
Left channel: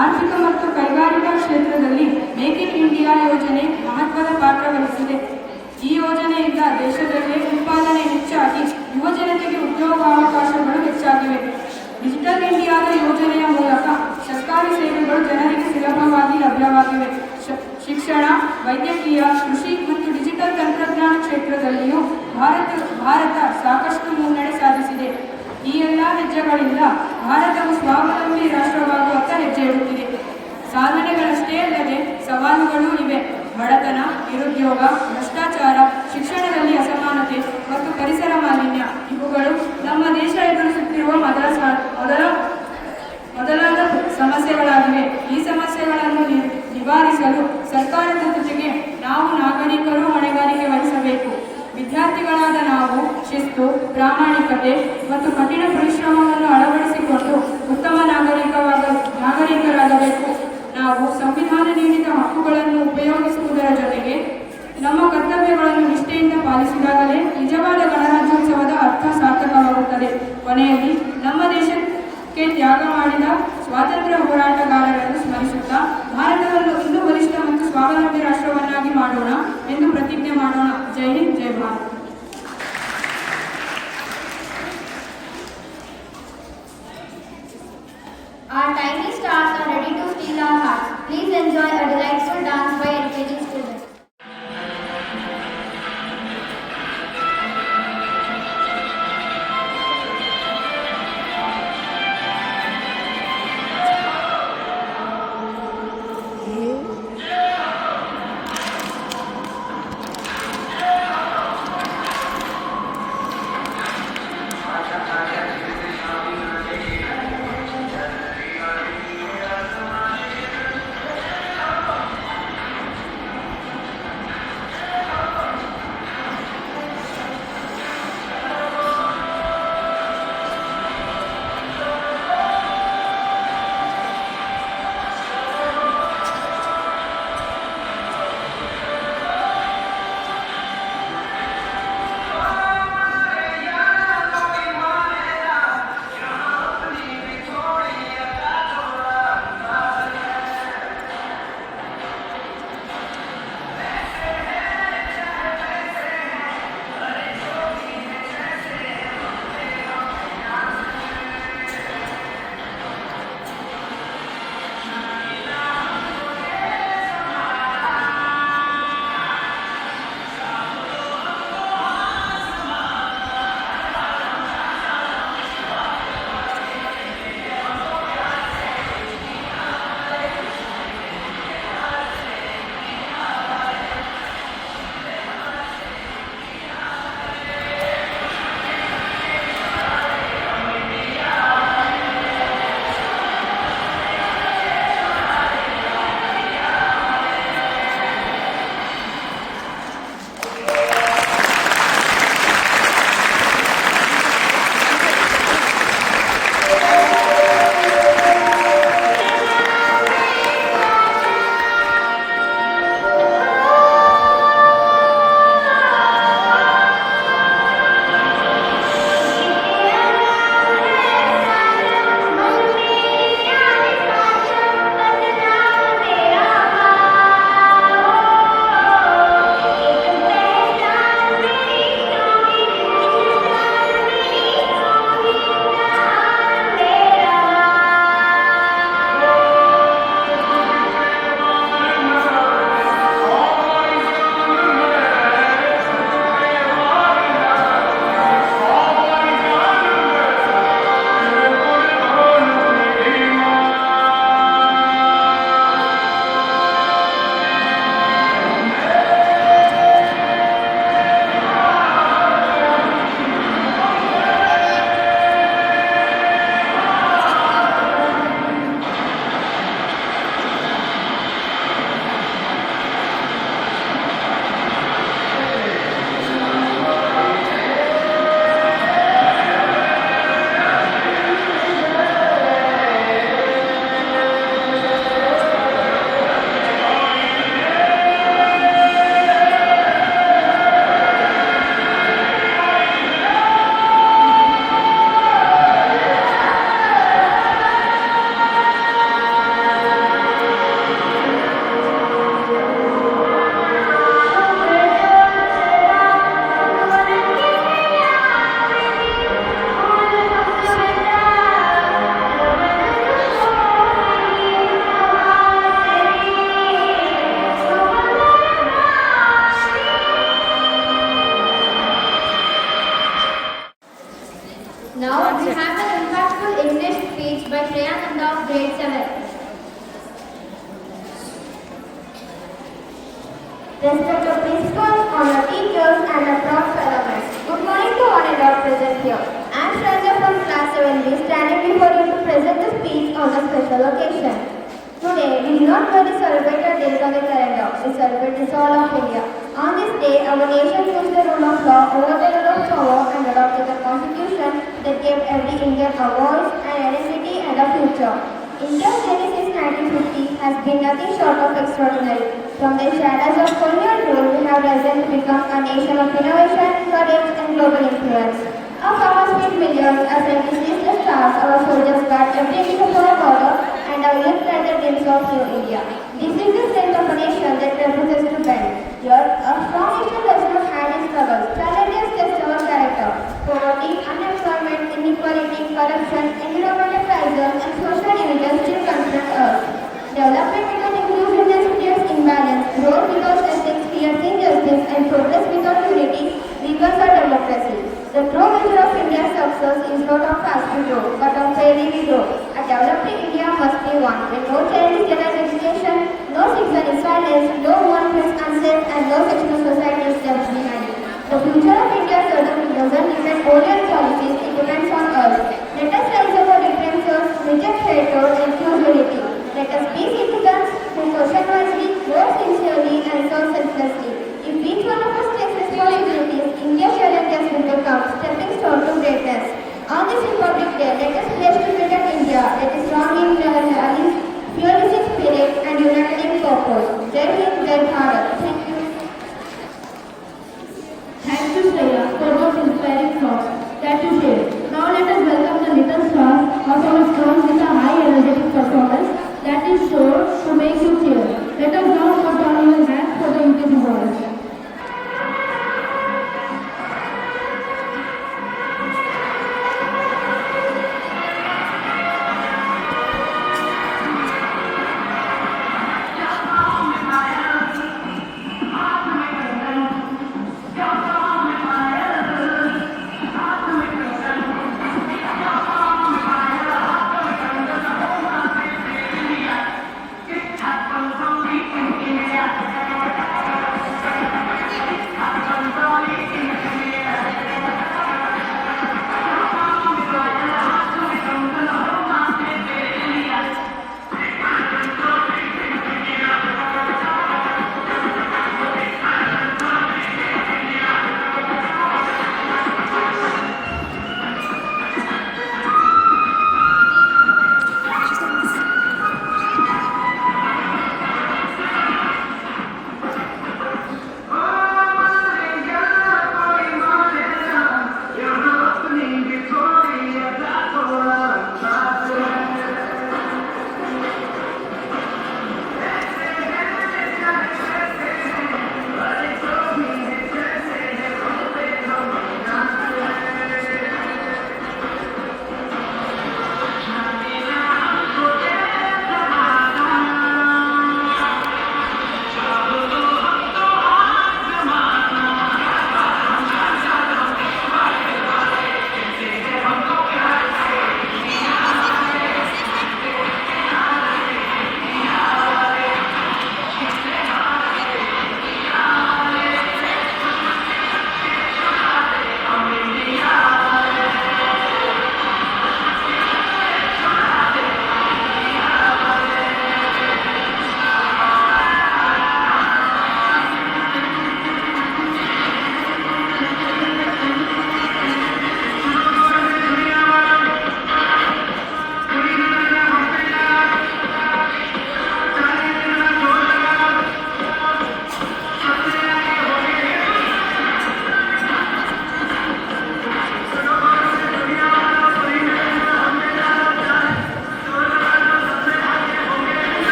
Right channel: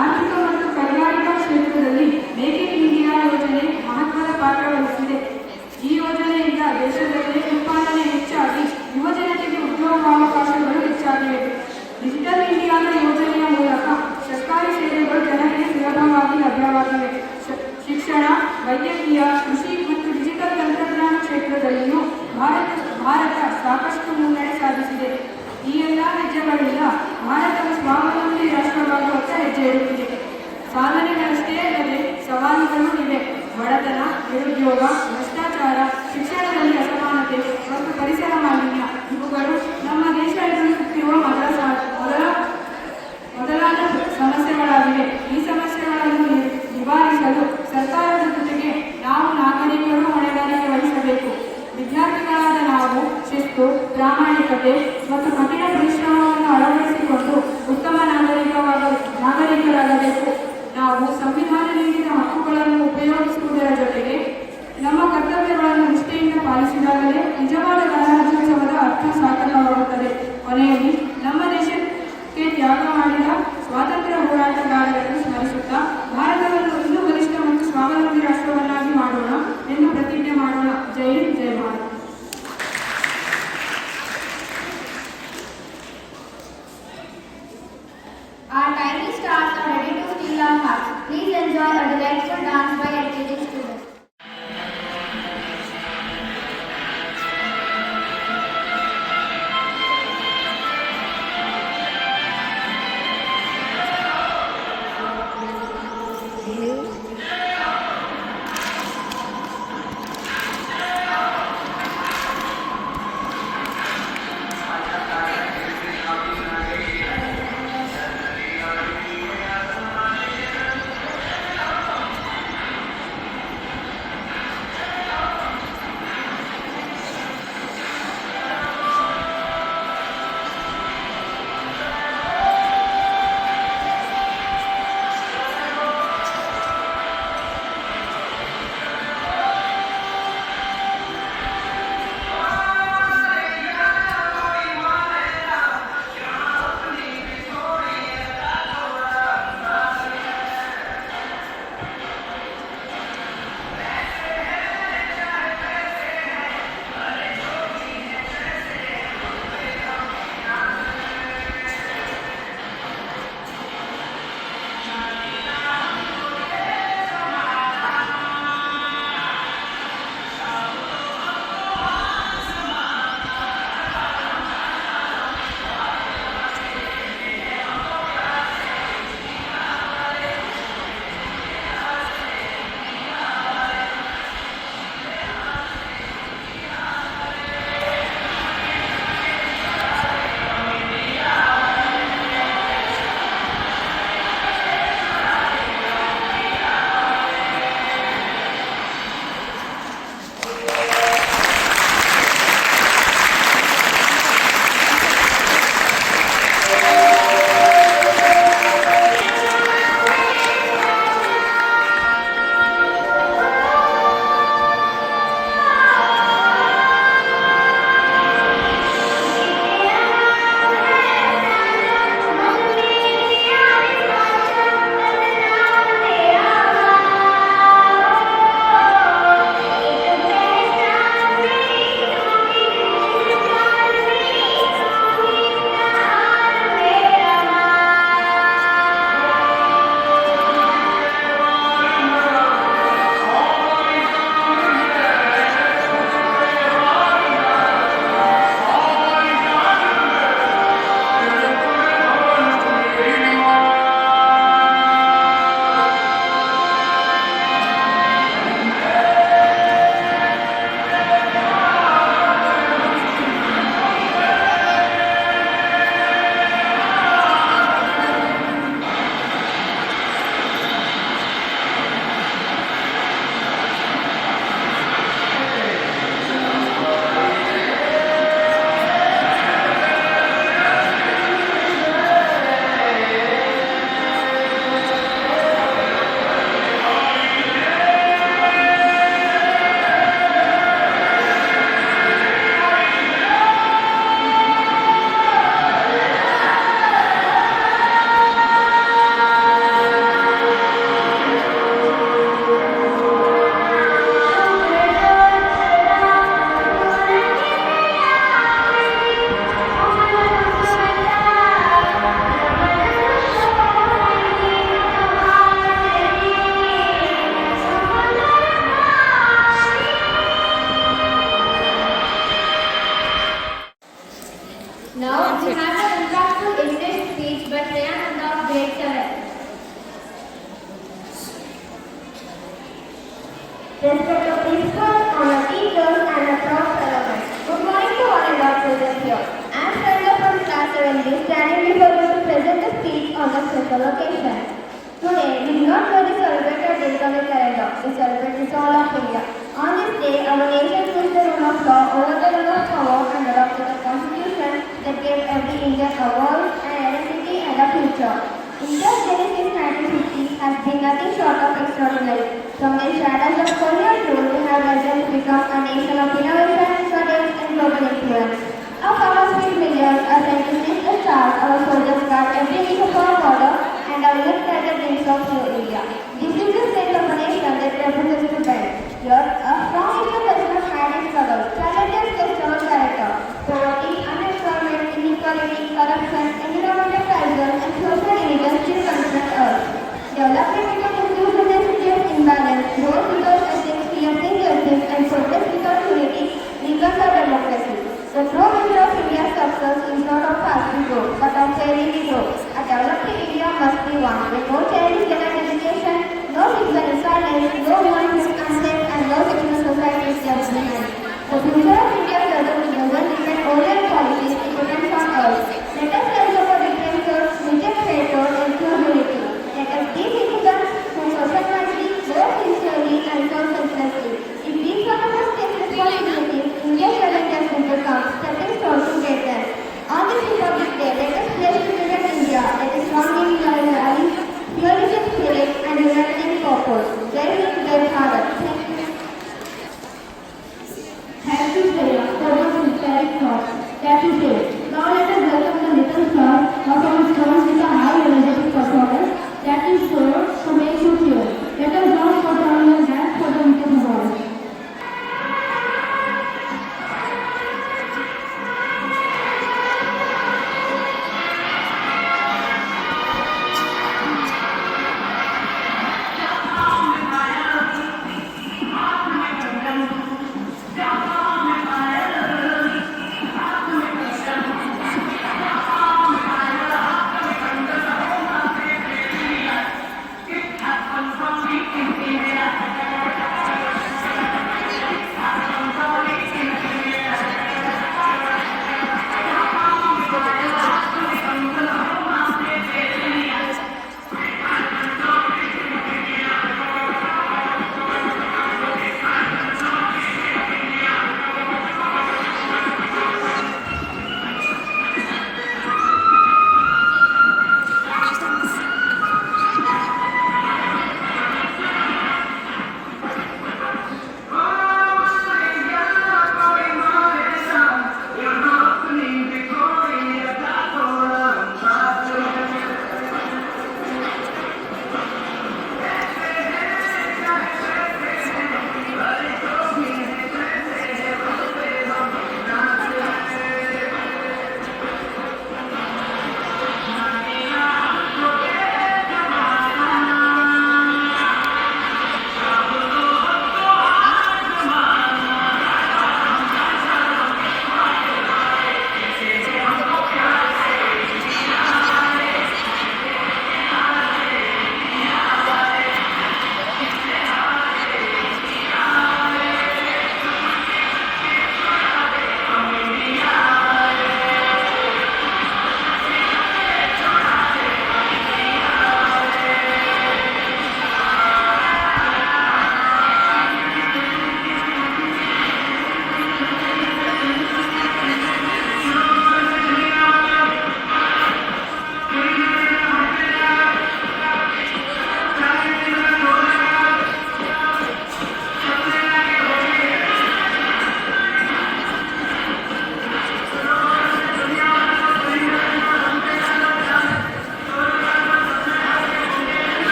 ಆರ್ಥಿಕ ಮತ್ತು ಕೈಗಾರಿಕಾ ಕ್ಷೇತ್ರದಲ್ಲಿ ಮೇಕ್ ಇನ್ ಇಂಡಿಯಾ ಯೋಜನೆ ಮಹತ್ವದ ಪಾತ್ರ ವಹಿಸಿದೆ. ಈ ಯೋಜನೆಯಿಂದ ದೇಶದಲ್ಲಿ ಉತ್ಪಾದನೆ ಹೆಚ್ಚಾಗಿ ಯುವಜನತೆಗೆ ಉದ್ಯೋಗಾವಕಾಶಗಳು ಹೆಚ್ಚಾಗಿವೆ. ಡಿಜಿಟಲ್ ಇಂಡಿಯಾದ ಯೋಜನೆಯ ಮೂಲಕ ಸರ್ಕಾರಿ ಸೇವೆಗಳು ಜನರಿಗೆ ಸುಲಭವಾಗಿ ಲಭ್ಯವಾಗಿವೆ. ಶಿಕ್ಷಣ, ವೈದ್ಯಕೀಯ, ಕೃಷಿ ಮತ್ತು ಡಿಜಿಟಲ್ ತಂತ್ರಜ್ಞಾನ ಕ್ಷೇತ್ರದಲ್ಲಿಯೂ ಭಾರತ ಸಾಕಷ್ಟು ಮುನ್ನಡೆ ಸಾಧಿಸಿದೆ. ಈ ಎಲ್ಲ ಹೆಜ್ಜೆಗಳಿಂದ ಭಾರತವು ಸ್ವಾವಲಂಬಿ ರಾಷ್ಟ್ರವಾಗುವತ್ತ ಹೆಜ್ಜೆ ಇಡುತ್ತಿದೆ. ಸಾಧನೆಗಳಷ್ಟೇ ಅಲ್ಲದೆ ಸವಾಲುಗಳೂ ಇವೆ. ಬಡತನ, ನಿರುದ್ಯೋಗ, ಭ್ರಷ್ಟಾಚಾರ, ಶಿಕ್ಷಣದಲ್ಲಿ ಅಸಮಾನತೆ ಮತ್ತು ಪರಿಸರ ಮಾಲಿನ್ಯ ಇವುಗಳು ನಮ್ಮ ದೇಶ ಎದುರಿಸುತ್ತಿರುವ ಮೊದಲಾದ ಸಮಸ್ಯೆಗಳಾಗಿವೆ. ಈ ಸಮಸ್ಯೆಗಳನ್ನು ನಿವಾರಿಸಲು ಸರ್ಕಾರದ ಜೊತೆಗೆ ನಾವು ನಾಗರಿಕರು ಹೊಣೆಗಾರಿಕೆ ವಹಿಸಬೇಕು. ವಿದ್ಯಾರ್ಥಿಗಳಾದ ನಾವು ಶಿಸ್ತು, ಪ್ರಾಮಾಣಿಕತೆ ಮತ್ತು ಕಠಿಣ ಪರಿಶ್ರಮವನ್ನು ಅಳವಡಿಸಿಕೊಂಡು ಉತ್ತಮ ನಾಗರಿಕರಾಗಬೇಕು. ನಾವು ಸಂವಿಧಾನ ನೀಡಿದ ಹಕ್ಕುಗಳನ್ನು ಉಪಯೋಗಿಸುವುದರ ಜೊತೆಗೆ ನಮ್ಮ ಕರ್ತವ್ಯಗಳನ್ನು ನಿಷ್ಠೆಯಿಂದ ಪಾಲಿಸಿದಾಗಲೇ ನಿಜವಾದ ಗಣರಾಜ್ಯೋತ್ಸವದ ಅರ್ಥ ಸಾರ್ಥಕವಾಗುತ್ತದೆ. ಕೊನೆಯಲ್ಲಿ ನಮ್ಮ ದೇಶಕ್ಕೆ ತ್ಯಾಗ ಮಾಡಿದ ಸ್ವಾತಂತ್ರ್ಯ ಹೋರಾಟಗಾರರನ್ನು ಸ್ಮರಿಸುತ್ತಾ ಭಾರತವನ್ನು ಇನ್ನೂ ಬಲಿಷ್ಠ ಮತ್ತು ಸ್ವಾವಲಂಬಿ ರಾಷ್ಟ್ರವನ್ನಾಗಿ ಮಾಡೋಣ ಎಂದು ಪ್ರತಿಜ್ಞೆ ಮಾಡೋಣ. ಜೈ ಹಿಂದ್, ಜೈ Bharat. Our tiny stars are ready to steal our hearts. Please enjoy a delightful dance by LKG students. Respect the principal, honor teachers, and approach fellow men. Good morning to all and all present here. I am Shraddha from class 7B, standing before you to present a speech on a special occasion. Today, we do not merely celebrate a date on the calendar, we celebrate the soul of India. On this day, our nation chose the rule of law over the rule of power and adopted a constitution that gave every Indian a voice, an identity, and a future. India's journey since 1950 has been nothing short of extraordinary. From the shadows of colonial rule, we have risen to become a nation of innovation, courage, and global influence. Our powers feed millions as scientists the stars, our soldiers guard every inch of our border, and our youth ride the dreams of New India. This is the strength of a nation that refuses to bend. Here, a strong Indian does not hide its struggle. Challenges test our character. Poverty, unemployment, inequality, corruption, environmental crisis, and social division still confront us. Development without inclusiveness creates imbalance. Growth without ethics creates injustice, and progress without unity weakens our democracy. The true measure of India's success is not of fast we grow, but of fairly we grow. A developing India must be one where no child is denied education, no citizen is silenced, no woman is unsafe, and no section of society is left behind. The future of India certainly doesn't depend only on policies, it depends on us. Let us rise above differences, reject hatred, and choose unity. Let us be citizens who question wisely, work sincerely, and serve selflessly. If each one of us takes responsibilities, India's challenges will become stepping stone to greatness. On this Republic Day, let us pledge to protect India that is strong in values, pluralistic spirit, and humanitarian purpose. Jai Hind, Jai Bharat. Thank you. Thank you, Sarah, for those inspiring thoughts that you shared. Now let us welcome the little star of our strong with a high energetic performance that is sure to make you cheer. Let us now put down your hands for the wicked voice.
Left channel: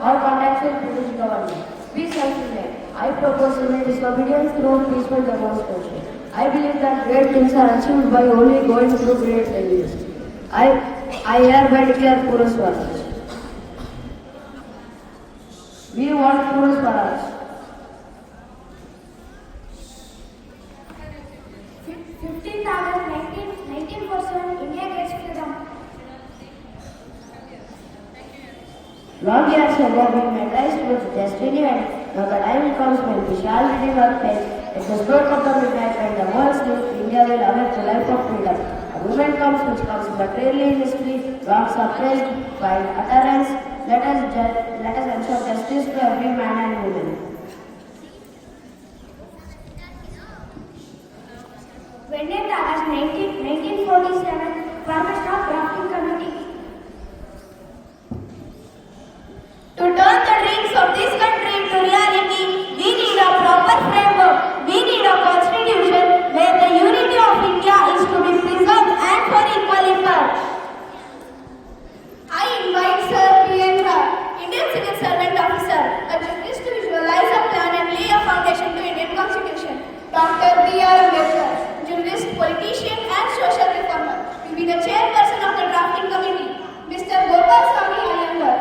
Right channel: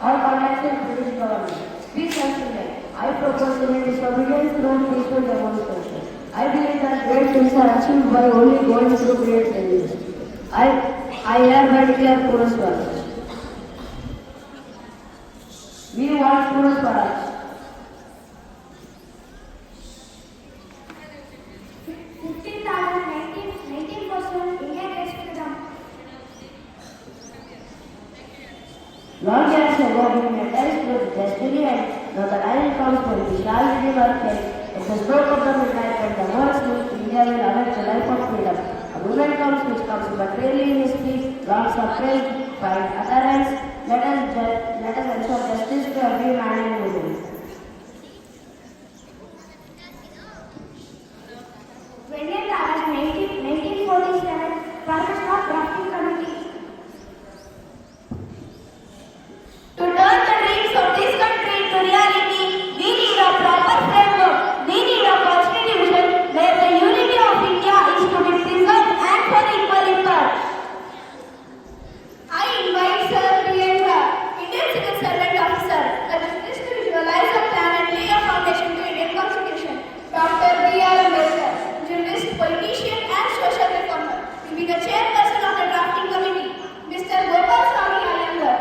or contacts with British government. We self-elect. I propose to make disobedience through peaceful demonstration. I believe that great things are achieved by only going through great dangers. I hereby declare Pura Swaraj. We want Pura Swaraj. 15th August 1947, India gets freedom. Long years ago, we memorized with destiny, and now the time comes when we shall redeem our faith. At the stroke of the midnight, when the world sleeps, India will awake the life of freedom. A moment comes which comes but rarely in history. Wrongs are felt, find utterance. Let us ensure justice to every man and woman. 20th August 1947, Formation of Drafting Committee. To turn the dreams of this country to reality, we need a proper framework. We need a constitution where the unity of India is to be preserved and for equal impact. I invite Sir Priyanka, Indian Civil Servant Officer, a jurist to visualize a plan and lay a foundation to Indian Constitution. Dr. B.R. Ambedkar, jurist, politician and social reformer, will be the chairperson of the drafting committee. Mr. Gopal Swami Iyengar,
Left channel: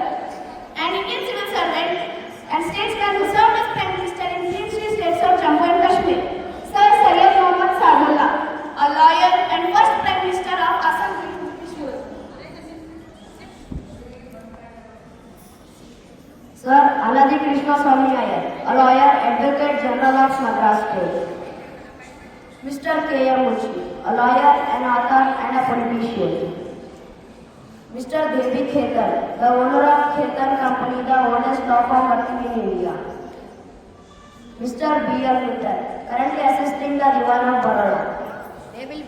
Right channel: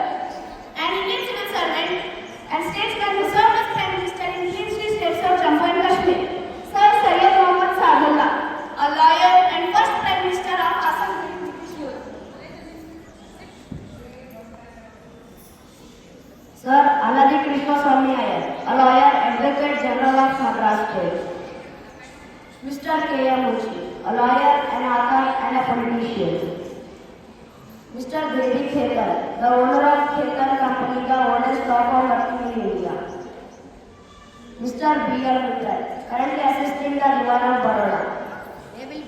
an Indian civil servant and statesman who served as Prime Minister in three states of Jammu and Kashmir. Sir Syed Mohammad Sadullah, a lawyer and first Prime Minister of Assam during British rule. Sir Aladi Krishna Swami Iyer, a lawyer, Advocate General of Madras State. Mr. K. M. Munshi, a lawyer, an author and a politician. Mr. Devi Khetan, the owner of Khetan Company, the oldest law firm working in India. Mr. B. L. Mittal, currently assisting the Diwan of Baroda. They will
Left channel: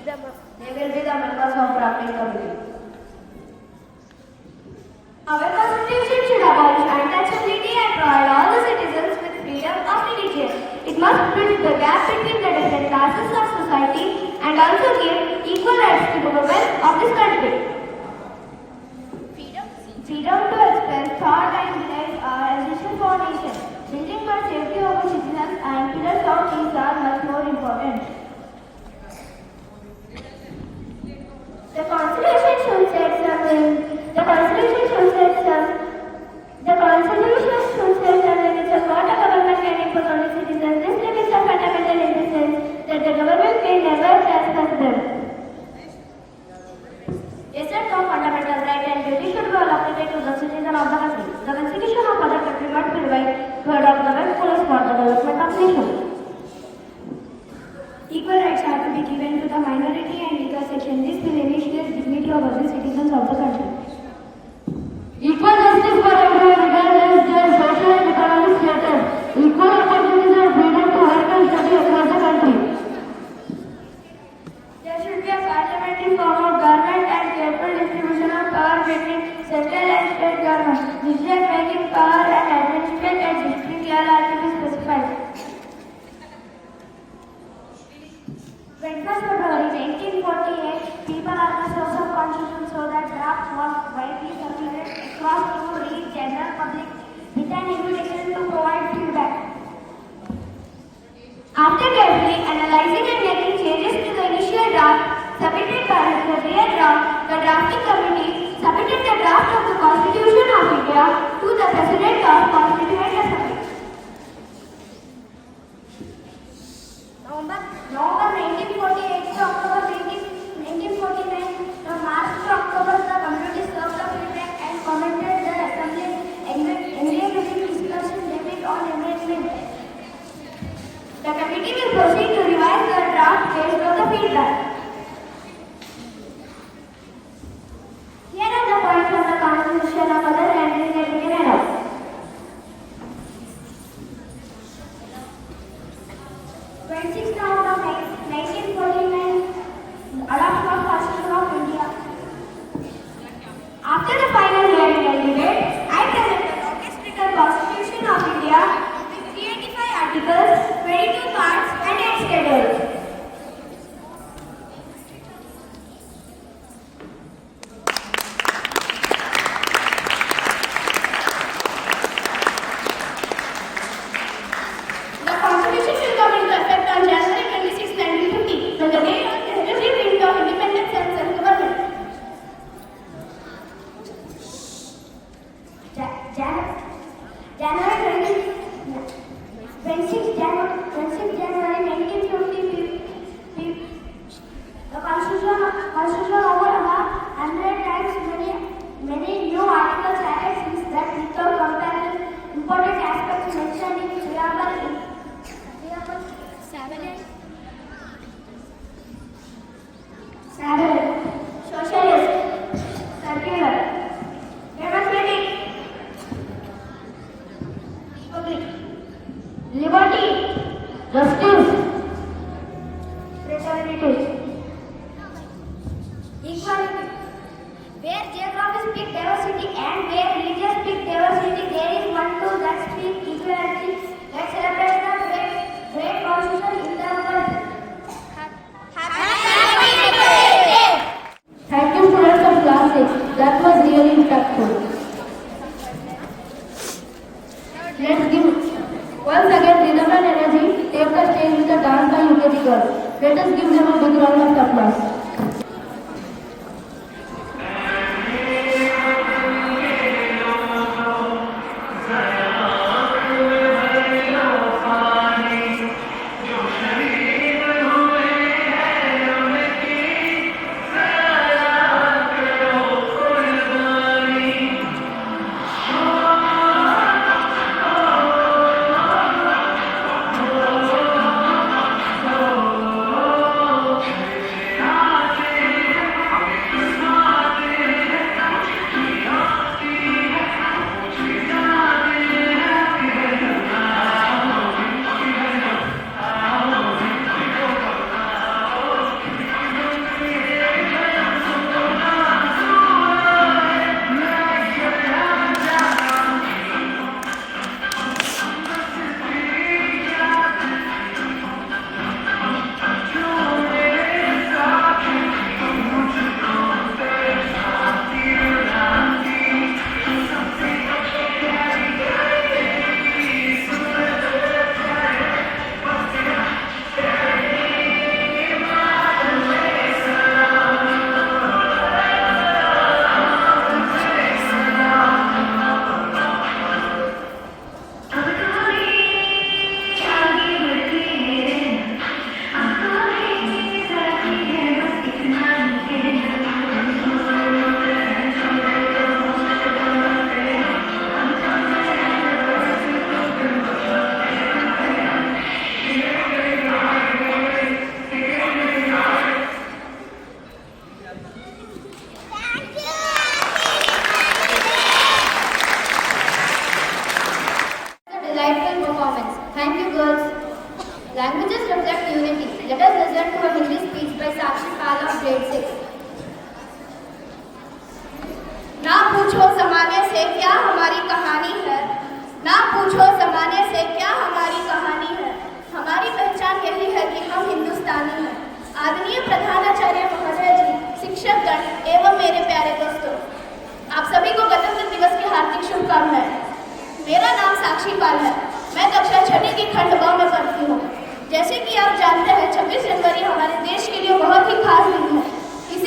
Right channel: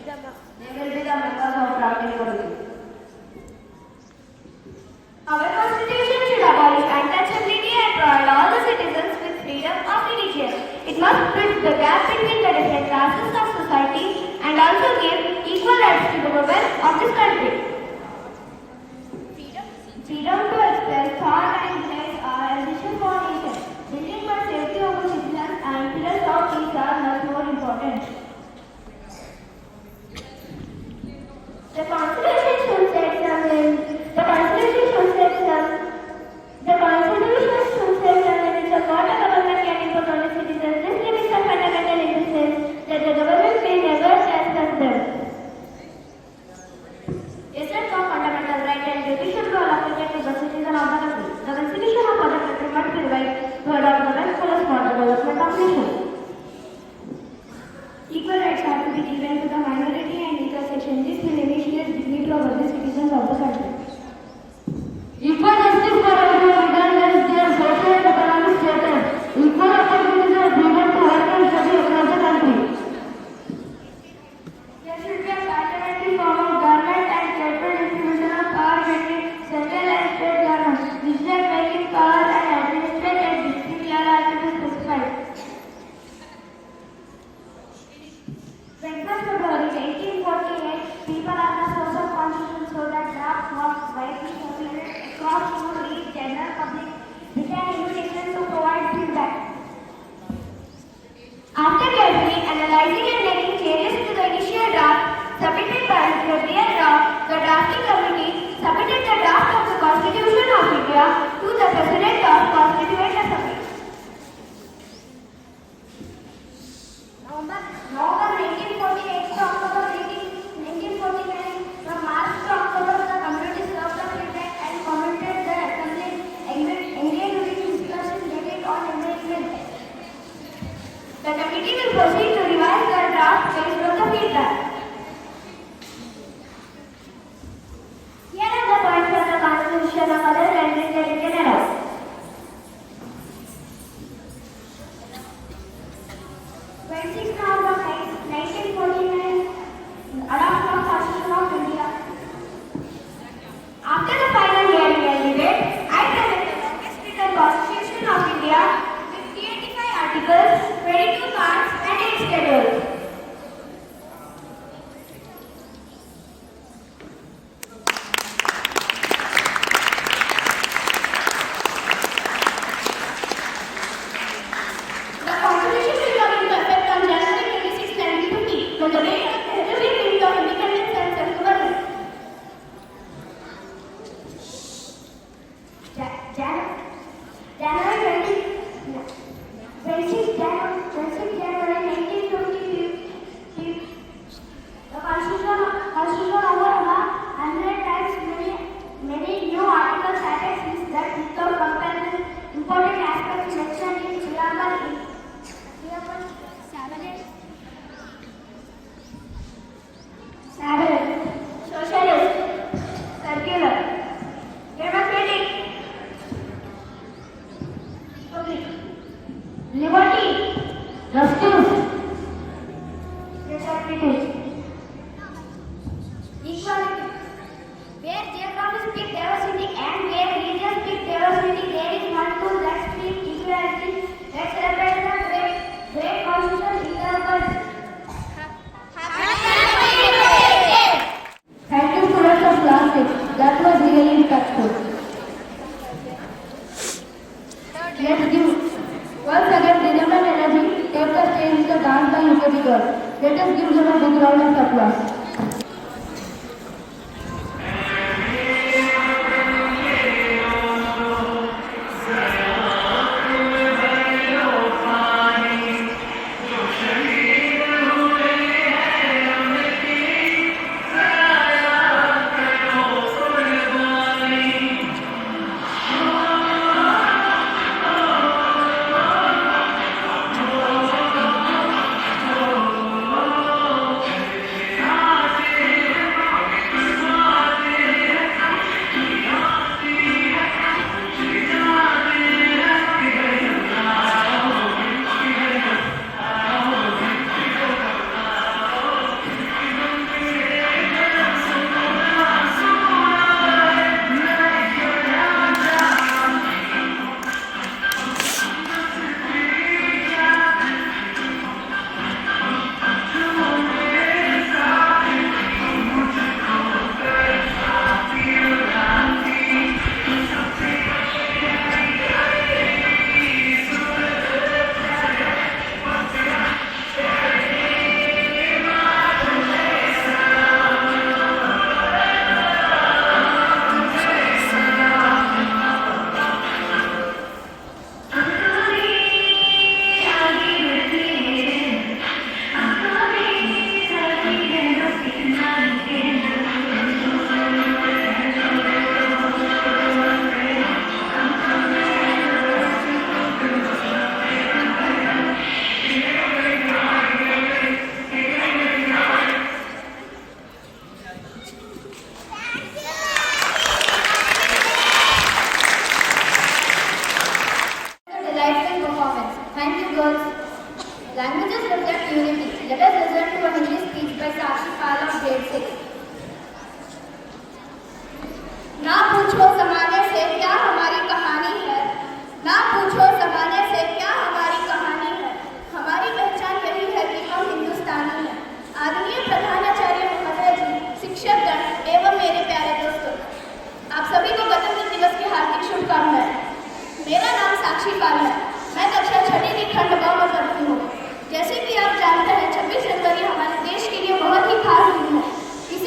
be the members of drafting committee. Our constitution should abolish untouchability and provide all the citizens with freedom of religion. It must bridge the gap between the different classes of society and also give equal rights to the women of this country. Freedom to express thought and beliefs are essential for nation. Building for safety of the citizens and pillars of peace are much more important. The Constitution should set some limits. The Constitution should set some limits of what a government can impose on the citizens. These limits are fundamental in the sense that the government may never transgress them. A set of fundamental rights and duties should be allocated to the citizen of the country. The Constitution of the country must be revised to adopt the best correspond to the development of nation. Equal rights are to be given to the minority and weaker section. This will initiate dignity of other citizens of the country. Equal justice for everyone regardless their social and economic status. Equal opportunities and freedom to work and study across the country. There should be a parliamentary form of government and careful distribution of power between central and state governments. Decision-making power and administrative at district level are to be specified. 21st February 1948, people are the source of constitution, so that draft was widely circulated across to reach general public with an invitation to provide feedback. After carefully analyzing and making changes to the initial draft submitted by Mr. B.R. Rao, the drafting committee submitted the draft of the Constitution of India to the President of Constituent Assembly. November 1948 to October 1949, from March to October, the committee served the feedback and commented the assembly engaged in discussion debate on amendment. The committee will proceed to revise the draft based on the feedback. Here are the points from the Constitution of other countries that we can adopt. November 1949, adoption of Constitution of India. After the final hearing and debate, I present the longest written Constitution of India with 385 articles, 22 parts and 8 schedules. liberty, justice, fraternity, Equality. Where geography speaks diversity and where religion speaks diversity, there is one tool that speaks equality. Let's celebrate the great contribution in the world. Thank you, students of class 6. That was really impactful. Let's give once again rhythm and energy. Take the stage with the dance by UKG girls. Let us give them a big round of applause. Delightful performance. Thank you, girls. Languages reflect unity. Let us listen to a Hindi speech by Sakshi Pal of grade 6. ना पूछो जमाने से क्या हमारी कहानी है, ना पूछो जमाने से क्या हमारी कहानी है, हमारी पहचान यही है कि हम हिंदुस्तानी हैं। आदरणीय प्रधानाचार्य महोदय जी, शिक्षकगण एवं मेरे प्यारे दोस्तों, आप सभी को गणतंत्र दिवस की हार्दिक शुभकामनाएं। मेरा नाम साक्षी पाल है। मैं कक्षा 6 की खंड ब में पढ़ती हूँ। जैसे कि आप जानते हैं 26 जनवरी हमारे देश के लिए बहुत ही खास दिन है। इसी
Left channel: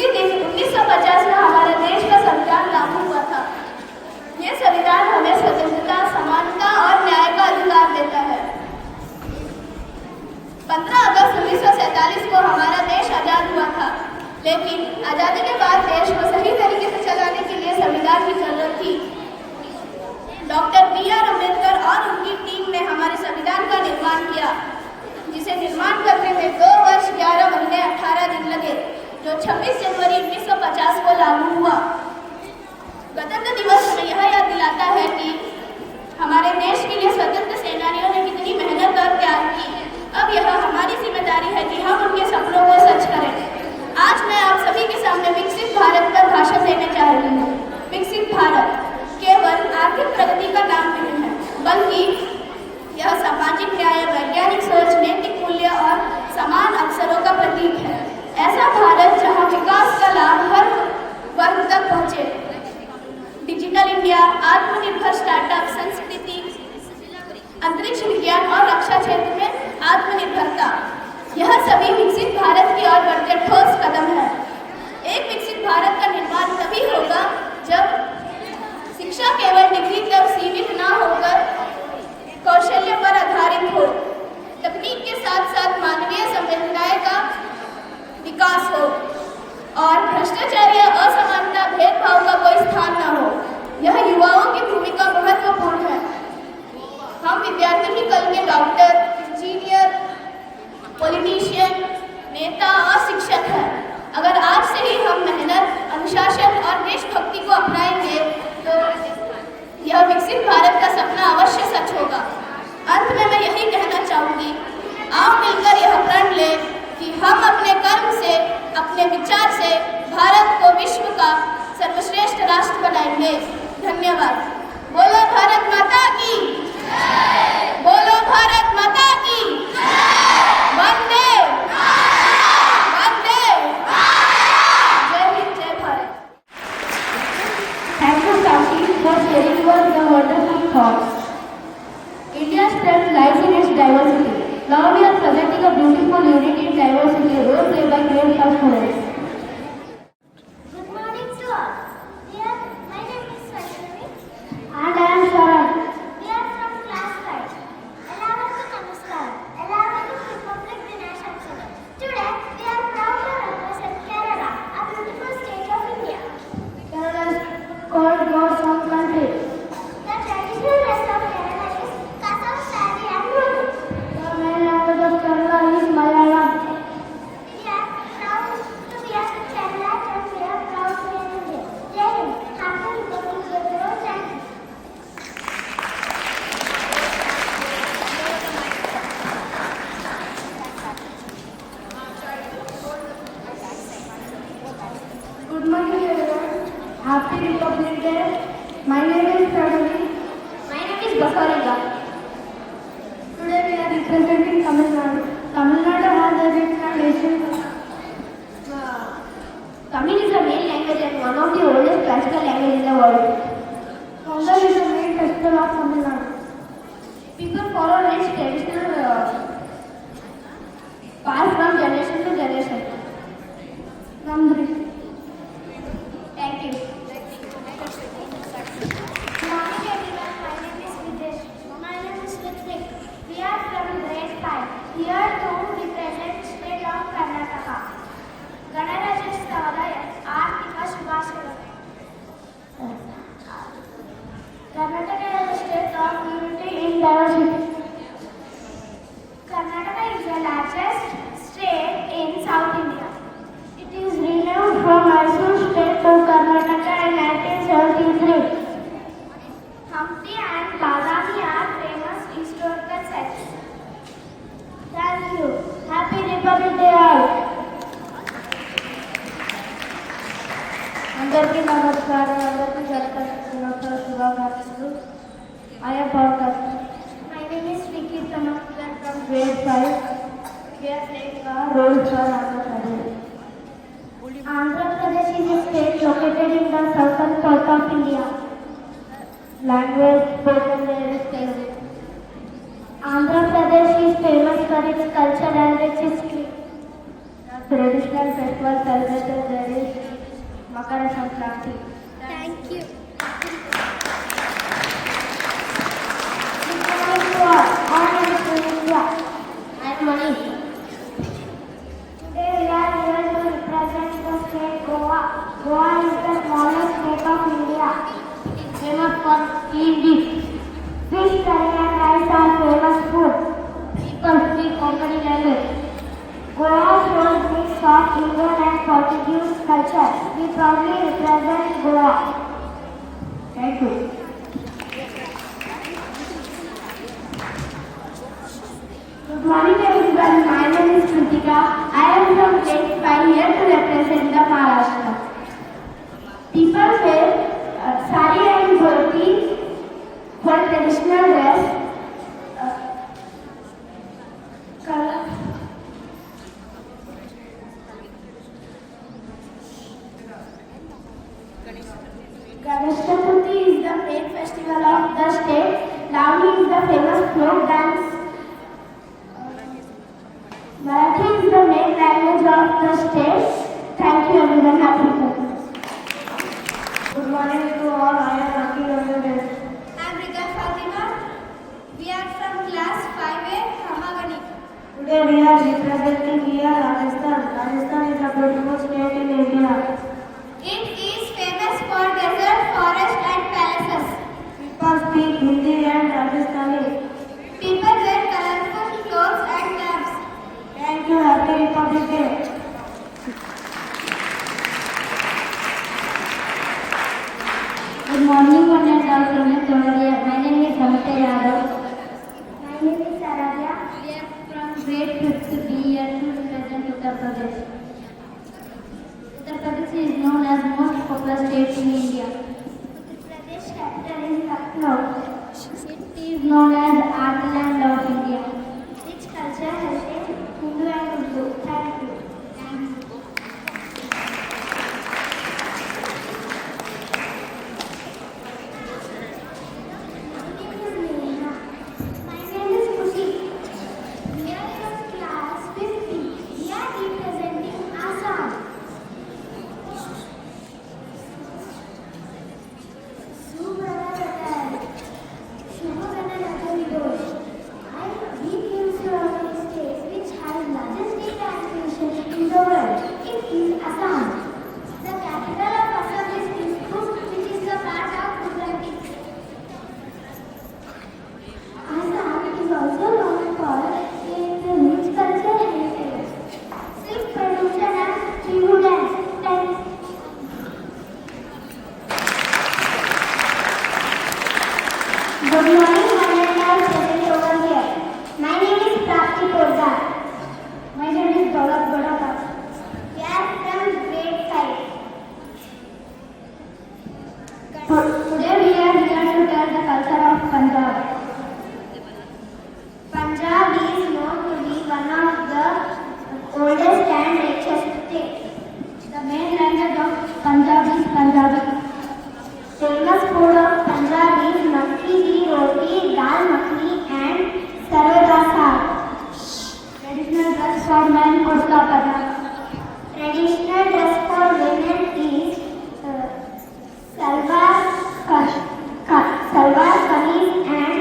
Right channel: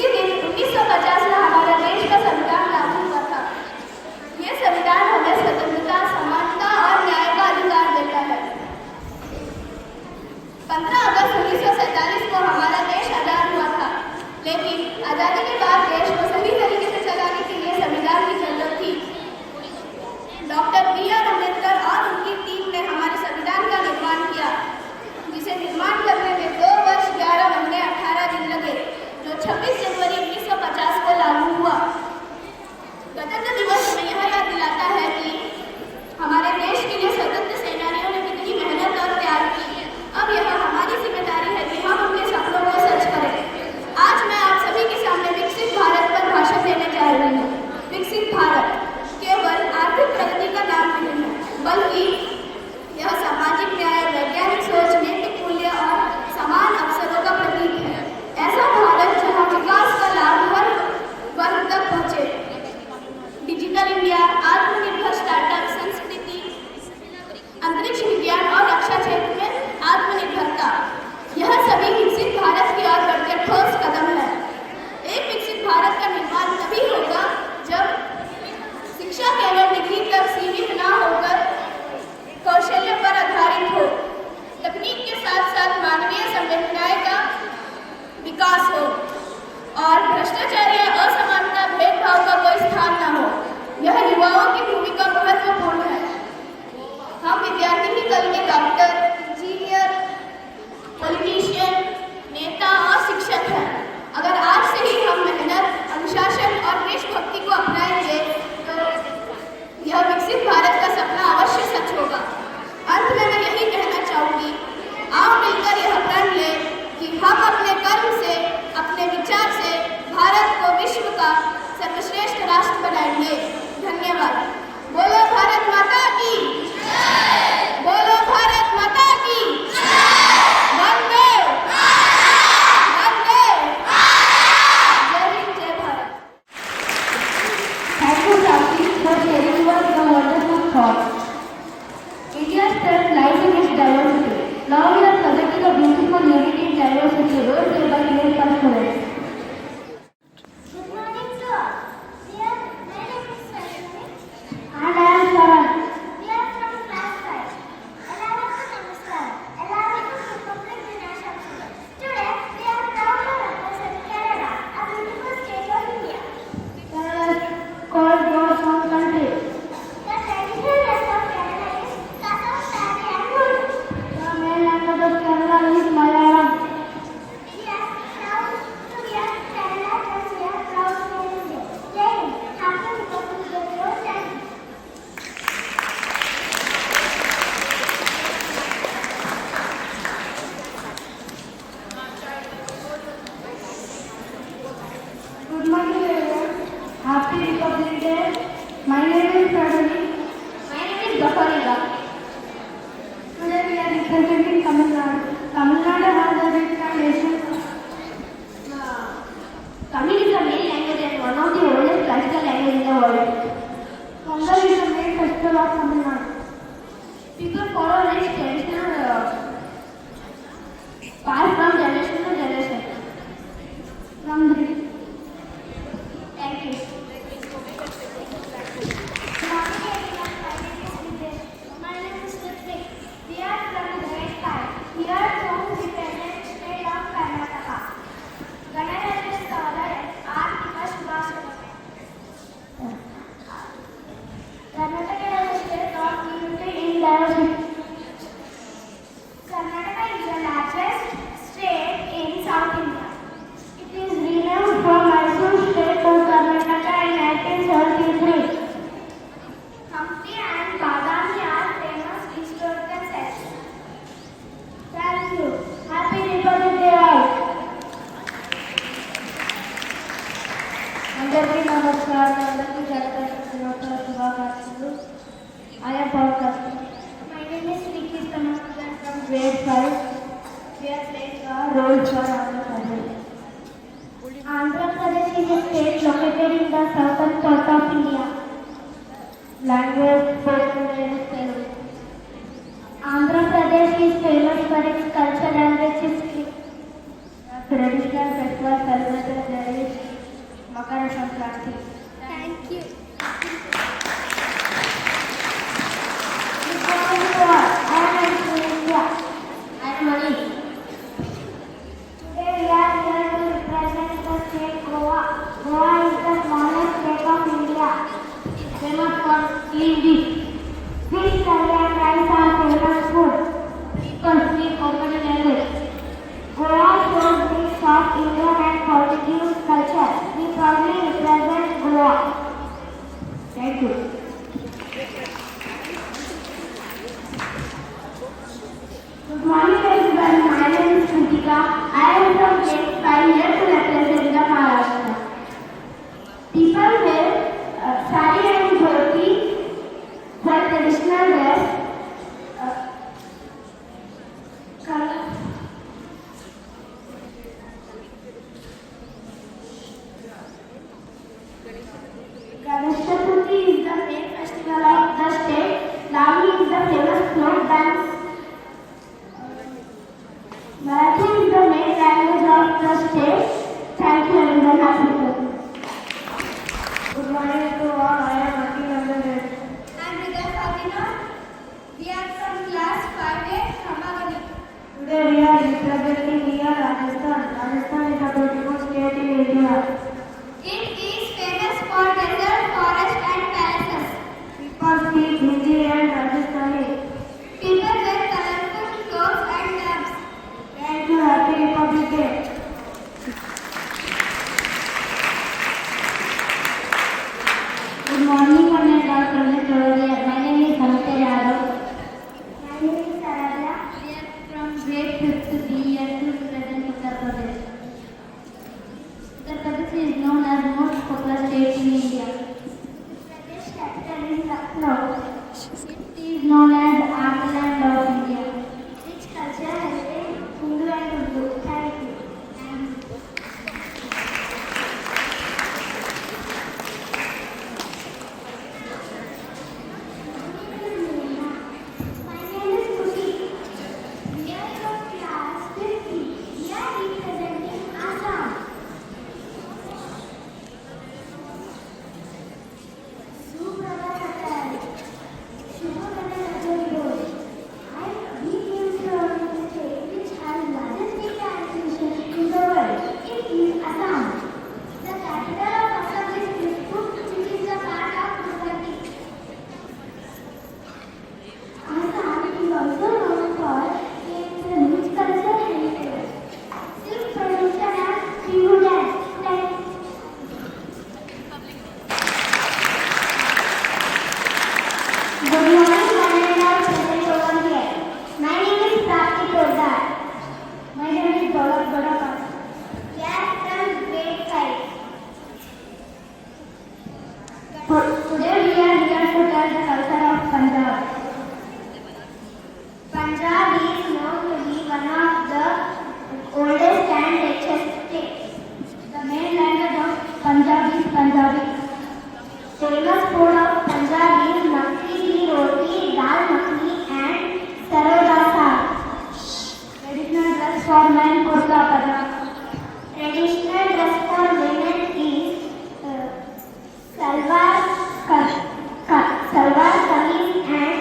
राष्ट्र बनाएंगे। धन्यवाद। बोलो भारत माता की, बोलो भारत माता की, वंदे वंदे, जय हिंद जय Bharat. Thank you, Sakshi, for sharing the wonderful thoughts. India's strength lies in its diversity. Now we are presenting a beautiful unity in diversity role played by great students. Good morning to all. My name is Vaishnavi. And I am Sharan. We are from class 5. Ellavukku namaskaram. Ellavukku Republic Dinashamsavam. Today we are proud to represent Kerala, a beautiful state of India. Kerala is called God's own country. The traditional dress of Kerala is kasam saree and wool. The main language of Kerala is Malayalam. We are proud to wear Kerala and we are proud to wear India. Jai Hind. Happy Republic Day to all. Thank you. Good morning, everyone. Happy Republic Day. My name is Pradali. My name is Basarika. Today we are representing Tamil Nadu. Tamil Nadu has a rich and ancient Tamil is the main language and one of the oldest classical language in the world. Pongal is the main festival of Tamil Nadu. People follow this traditional path from generation to generation. Nandri. Thank you. Good morning everyone. My name is Videsh. My name is Ritwik. We are from grade 5. Here to represent state of Karnataka. Ganarajyotsavada Arthika Shubhashira. Karnataka is a state of unity in diversity. Karnataka is the largest state in South India. It is renamed from Mysore state to Karnataka in 1973. Hampi and Badami are famous historical sites. Thank you. Happy Republic Day all. అందరికీ నమస్కారం. అందరికీ గణతంత్ర దినోత్సవ శుభాకాంక్షలు. I am Pankaj. My name is Nikitama. We are from grade 5. We are playing a role for Andhra Pradesh. Andhra Pradesh is a state located in the southern part of India. Language spoken there is Telugu. Andhra Pradesh is famous for its culture and its history. The traditional festival celebrated there is Makara Sankranti. Thank you. Good morning to all. I am from India. I am Mani. Today we are here to represent the state Goa. Goa is the smallest state of India. Famous for clean dish. Fish curry and rice are famous food. People speak Konkani language. Goa shows mix of Indian and Portuguese culture. We proudly represent Goa. Thank you. Good morning everyone. My name is Kritika. I am from grade 5 here to represent the Maharashtra. People wear sari and dhoti for traditional dress. Ganesh Chaturthi is the main festival of the state. Lavani is the famous folk dance. Marathi is the main language of the state. Thank you everyone. Happy Republic. Good morning to all. I am Akhil Anand. I am Rita Fatima. We are from class 5A, Ramagani. Today we are representing here Rajasthan. Rajasthan is a beautiful state in India. It is famous for desert, forest and palaces. People speak Hindi and Rajasthani. People wear colorful clothes and lamps. Thank you. Happy Republic Day. Good morning, one and all from the Toria. My name is Samita Yadav. My name is Saradya. We are from grade 5th B here to represent Uttar Pradesh. Uttar Pradesh is known as the most popular state in India. Punjab is known to be one of the oldest and richest states. The main language of Punjab is Punjabi. Famous food of Punjab is makki di roti, dal makhani and sarson da saag. Traditional dress for men kurta pajama. Traditional dress for women is salwar kameez and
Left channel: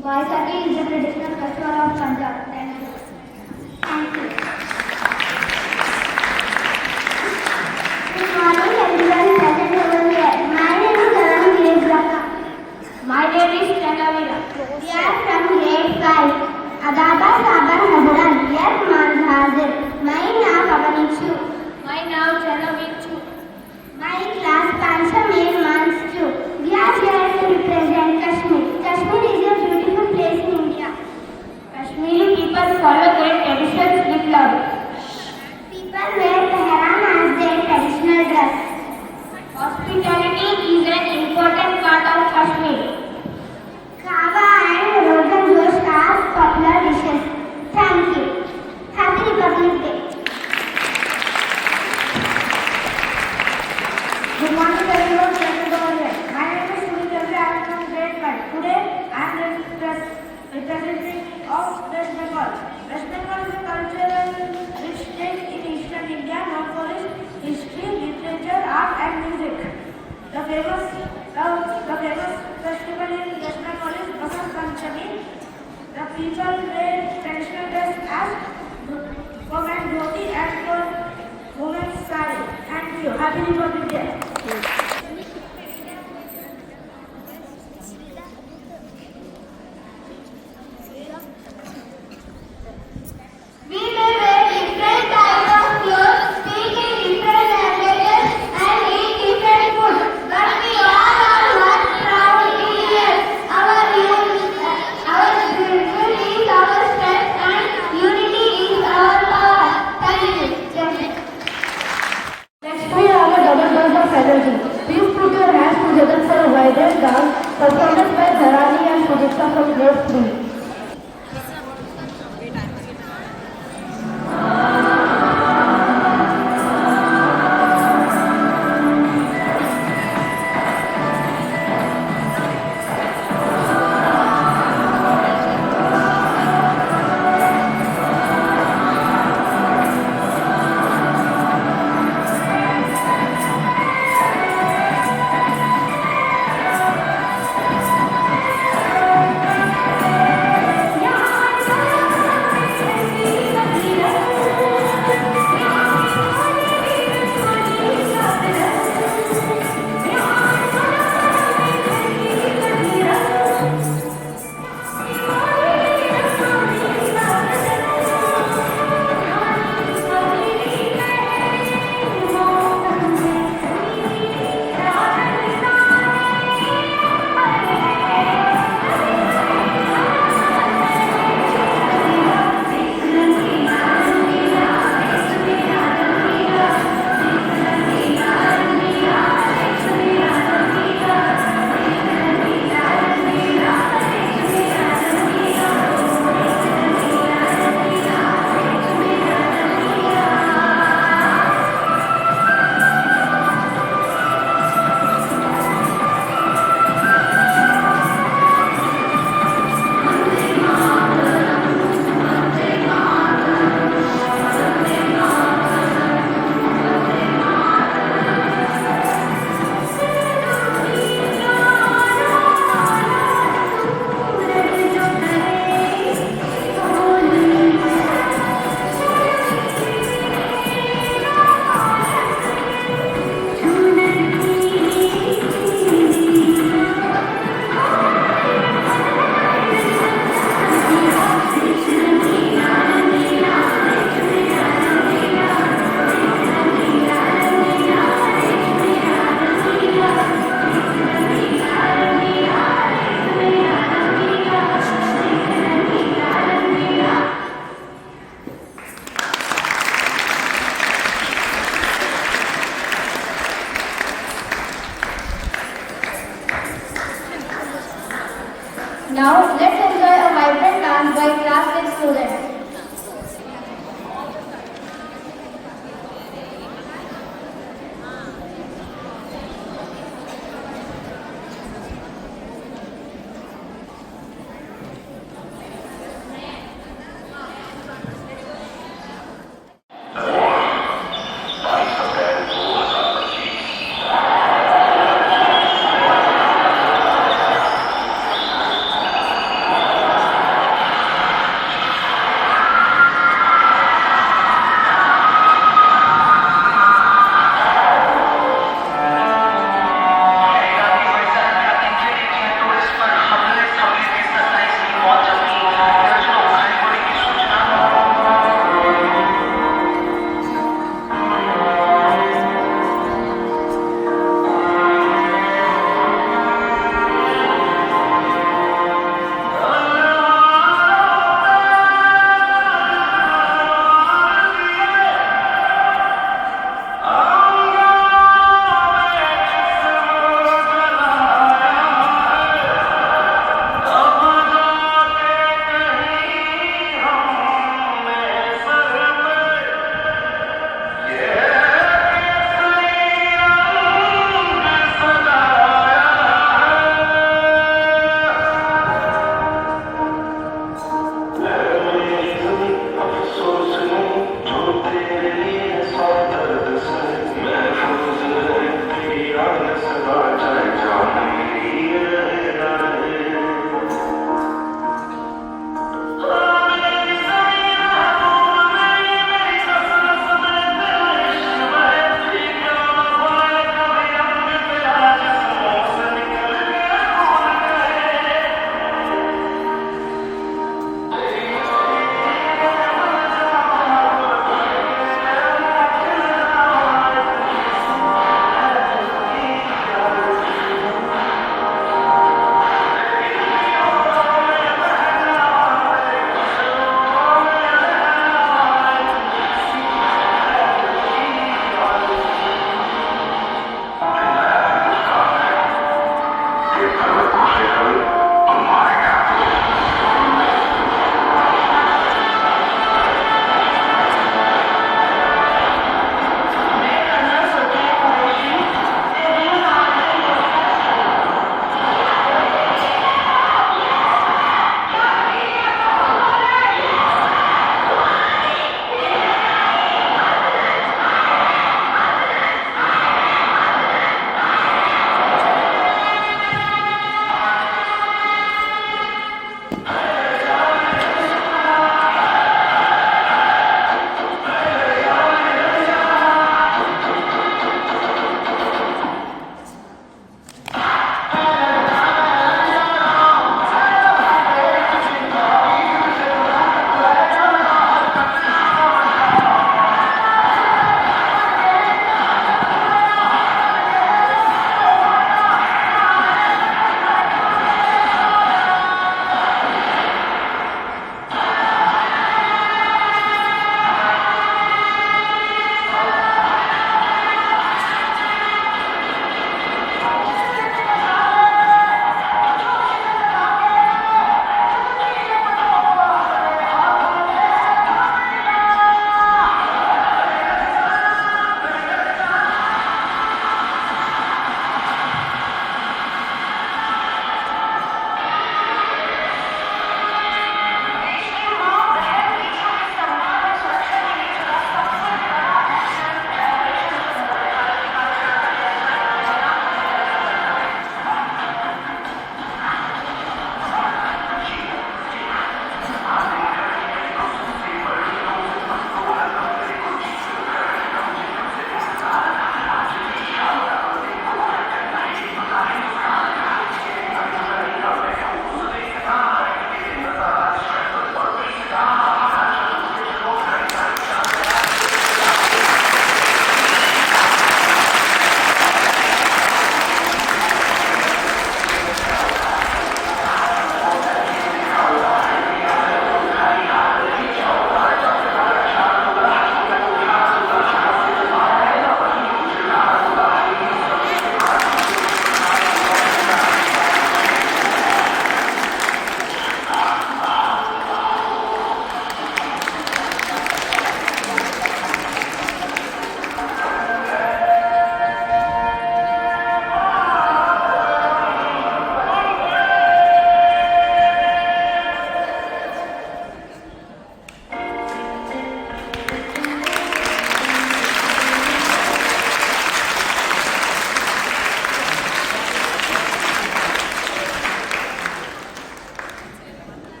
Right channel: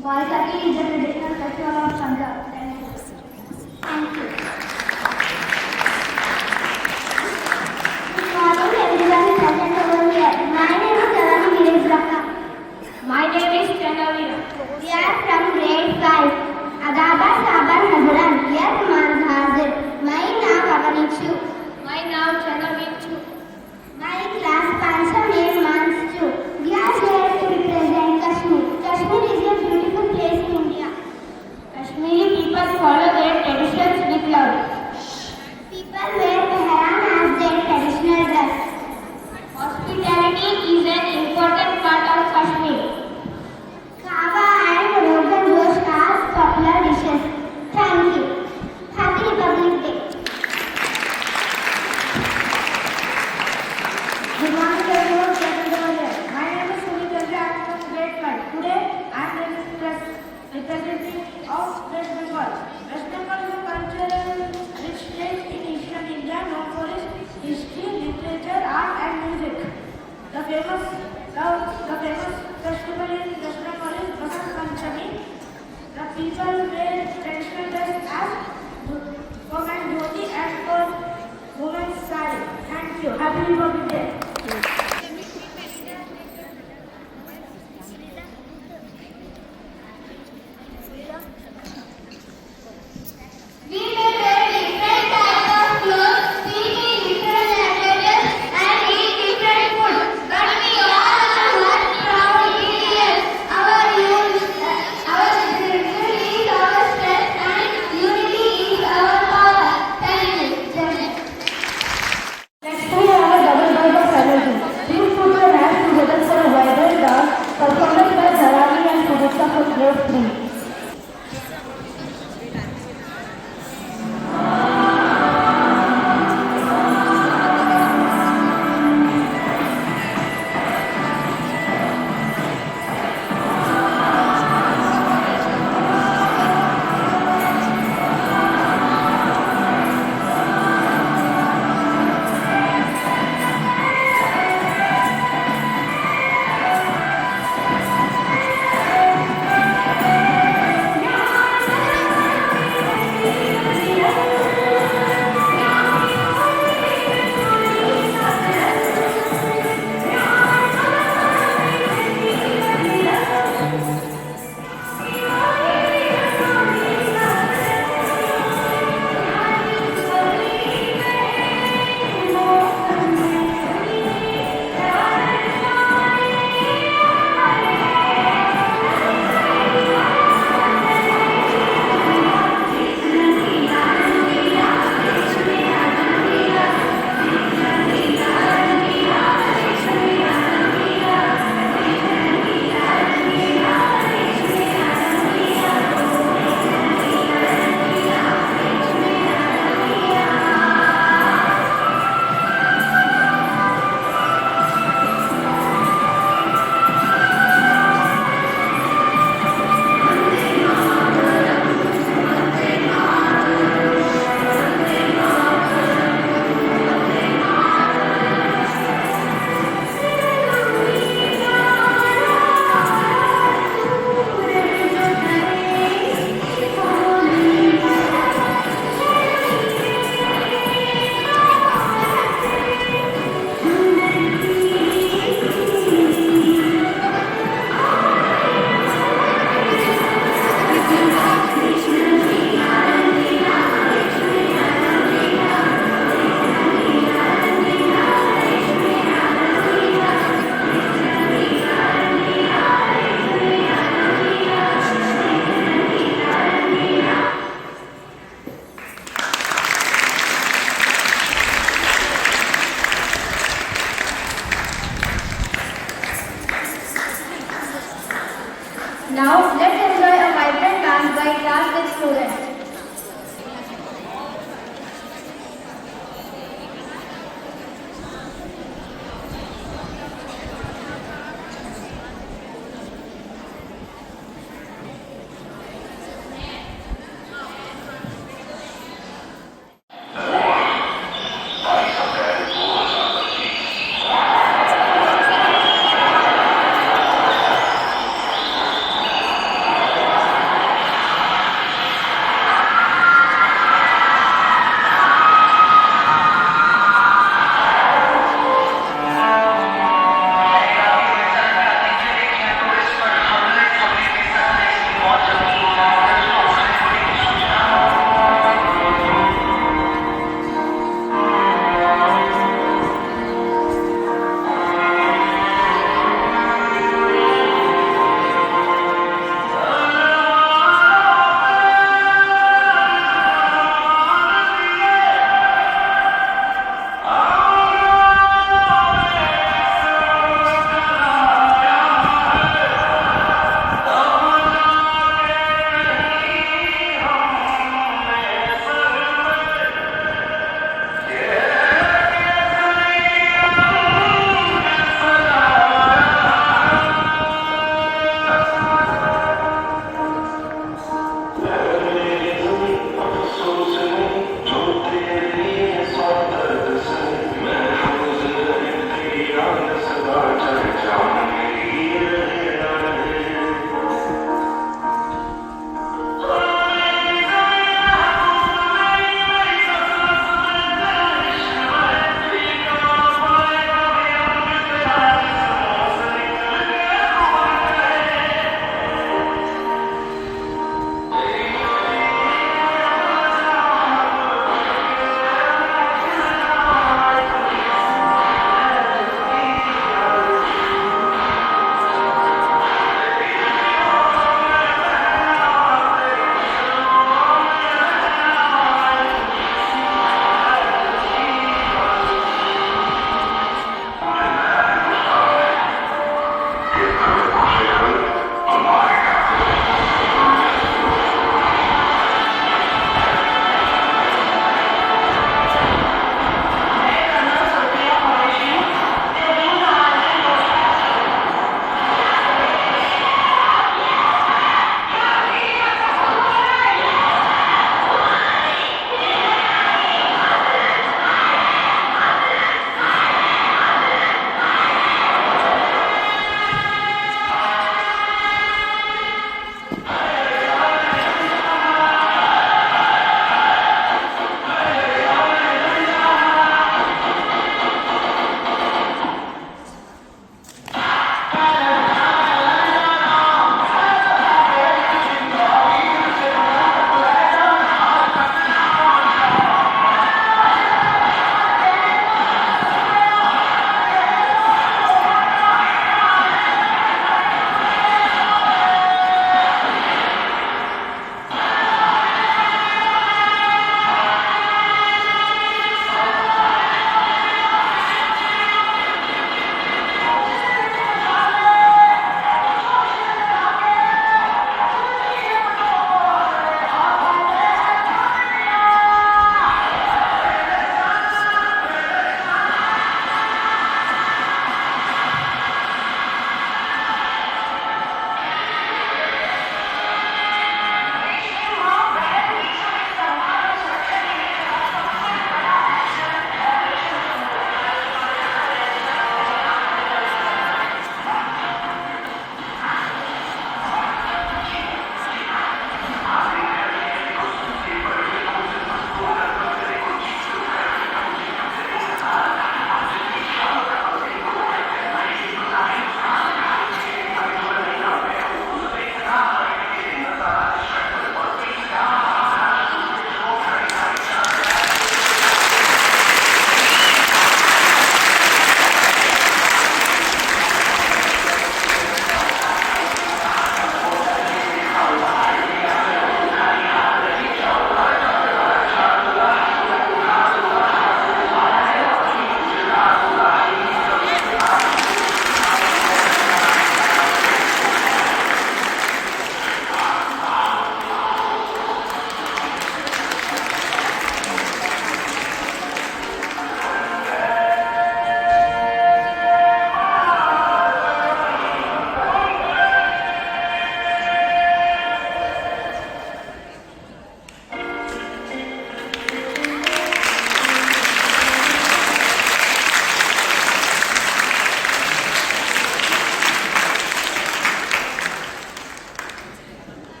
Baisakhi is the traditional festival of Punjab. Thank you. Thank you. Good morning, everyone present over here. My name is Arani Virendra. My name is Chandavira. We are from grade 5. Adaba Sabar Hazran. Yar Manz Hazir. My name Avanichu. My name Chanavichu. My class Pancha Main Mans 2. We are here to represent Kashmir. Kashmir is a beautiful place in India. Kashmiri people follow their traditions with love. People wear pehran as their traditional dress. Hospitality is an important part of Kashmir. Kava and Rogan Josh are popular dishes. Thank you. Happy Republic Day. Good morning everyone, present over here. My name is Sunil Chandra. I am from grade 5. Today I am representing of West Bengal. West Bengal is a cultural rich state in eastern India known for its history, literature, art and music. The famous festival in West Bengal is Basant Panchami. The people wear traditional dress as for men dhoti and for women sari. Thank you. Happy Republic Day. We may wear different types of clothes, speak in different languages, and eat different food. But we all are one proud Indians. Our beauty is our strength, and unity is our power. Thank you. Next we have a double buzz of energy. Please put your hands together for a vibrant dance performed by Dharani and Sudipta from grade 3. Now let's enjoy a vibrant dance by class with students.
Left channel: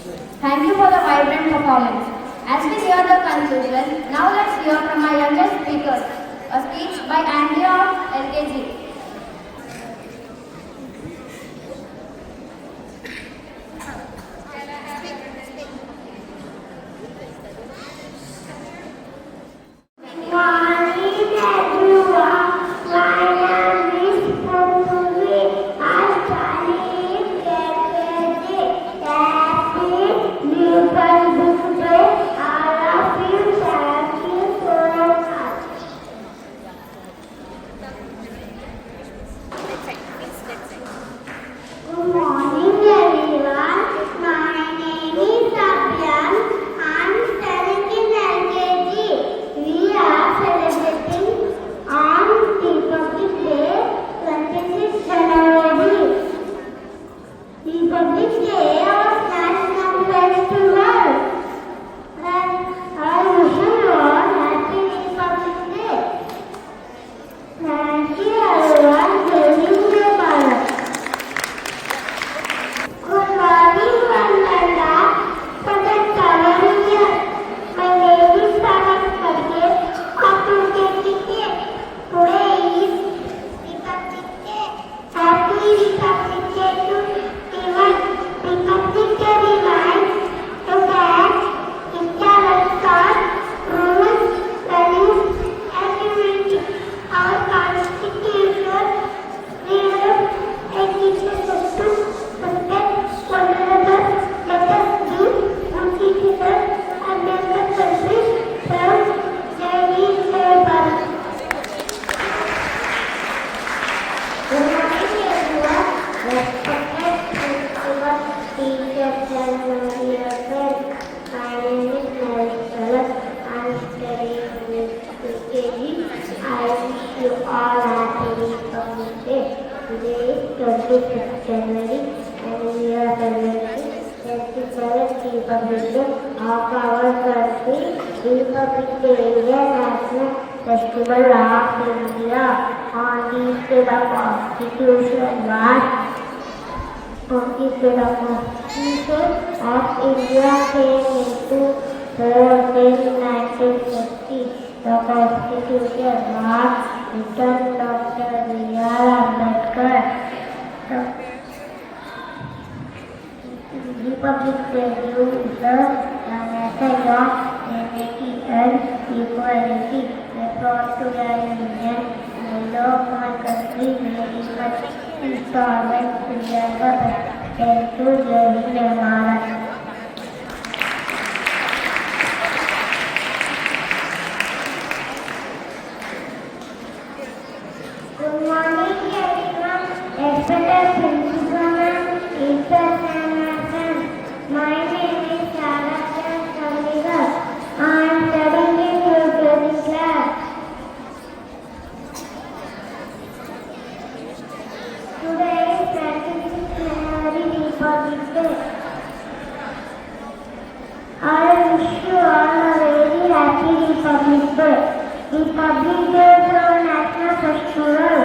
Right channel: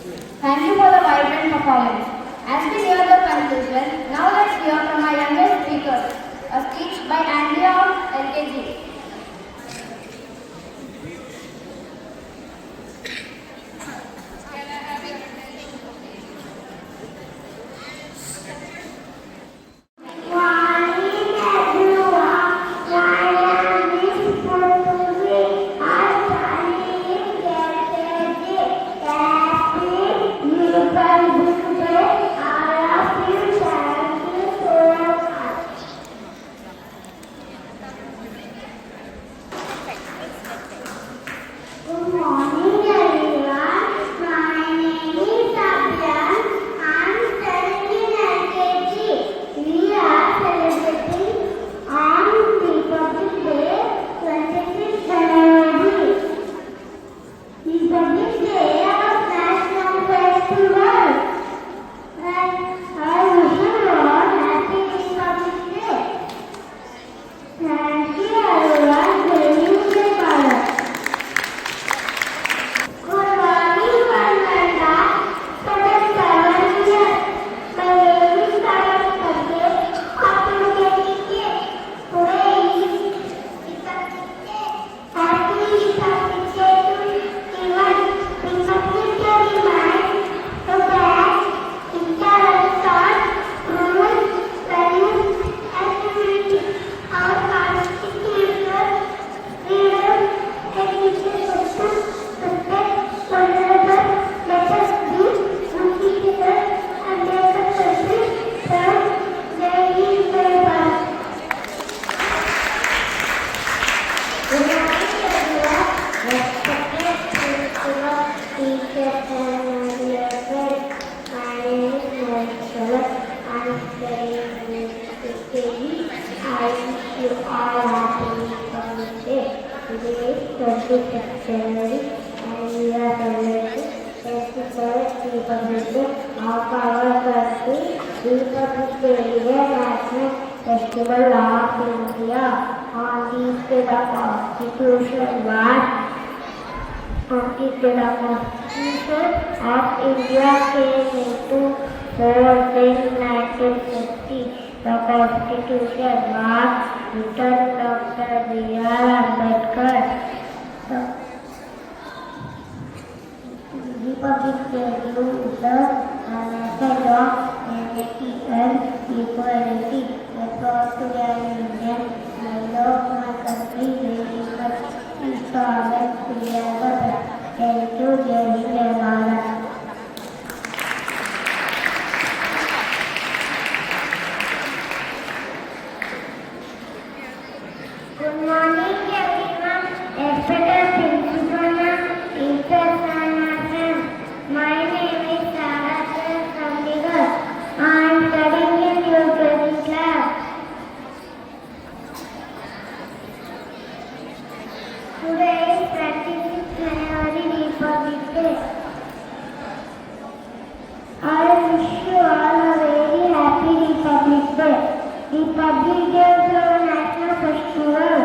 Thank you for the vibrant performance. As we hear the conclusion, now let's hear from our youngest speakers, a speech by Andrea of LKG. Festival of India on this day the Constitution was of India came into force in 1950. The Constitution was written Dr. B.R. Ambedkar. The Republic Day gives the message of unity and equality. Brought to the union, I love my country very much. Installment together. Thank you, Jai Hind, Maharashtra. Good morning, everyone. Respected principal, teachers and friends. My name is Sarah Chandigarh. I am studying in UKG class. Today is 26th January, Republic Day. I wish you all a very happy Republic Day. Republic Day is our national festival.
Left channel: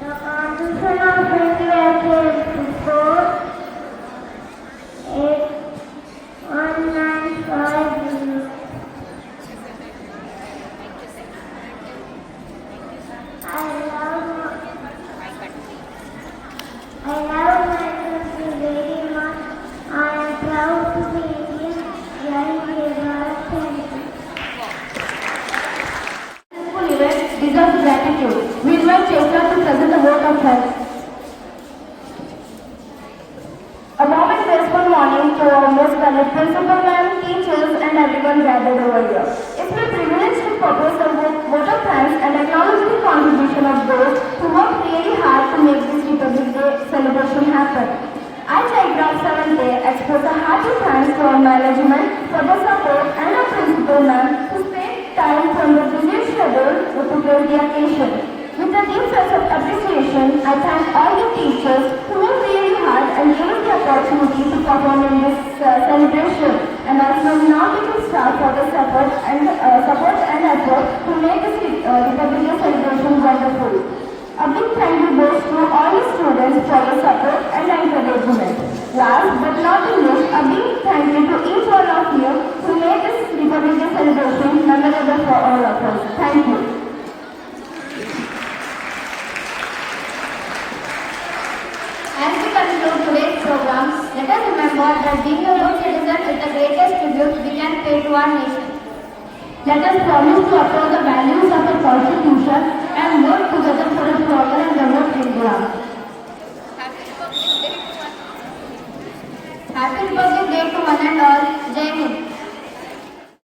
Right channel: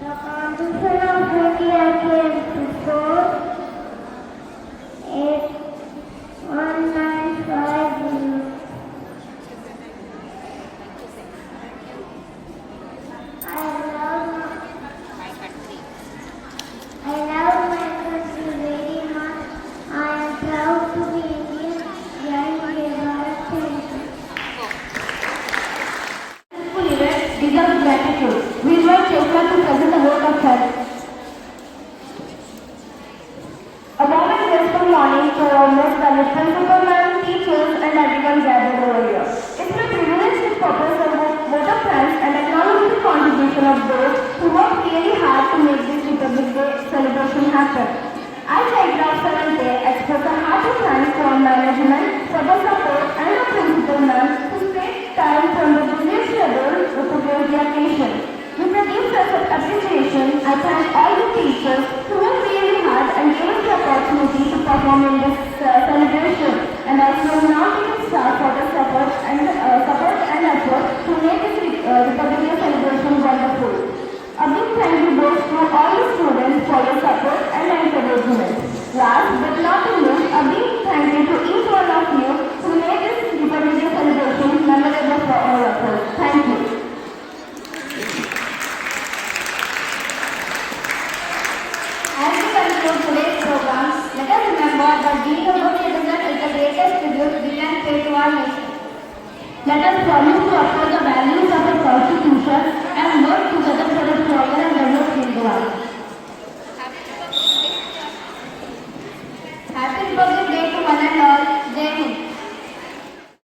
The Constitution of India came to force 1950. I love my country very much. I am proud to be Indian. Jai Hind, Bharat. Thank you. Successful event deserves gratitude. We invite Cheshwar to present a vote of thanks. A warm and graceful morning to our most valued principal ma'am, teachers and everyone gathered over here. It's my privilege to propose a vote of thanks and acknowledge the contribution of those who worked really hard to make this Republic Day celebration happen. I, Telegraph 7th Day, express a hearty thanks to our management for the support and our principal ma'am who spent time from the busy schedule to grace the occasion. With a deep sense of appreciation, I thank all the teachers who worked really hard and gave us the opportunity to perform in this celebration, and also non-teaching staff for the support and effort to make this Republic Day celebration wonderful. A big thank you goes to all the students for your support and encouragement. Last but not the least, a big thank you to each one of you who made this Republic Day celebration memorable for all of us. Thank you. As we conclude today's program, let us remember that being a good citizen is the greatest tribute we can pay to our nation. Let us promise to uphold the values of the Constitution and work together for a stronger and developed India. Happy Republic Day to one and all. Jai Hind.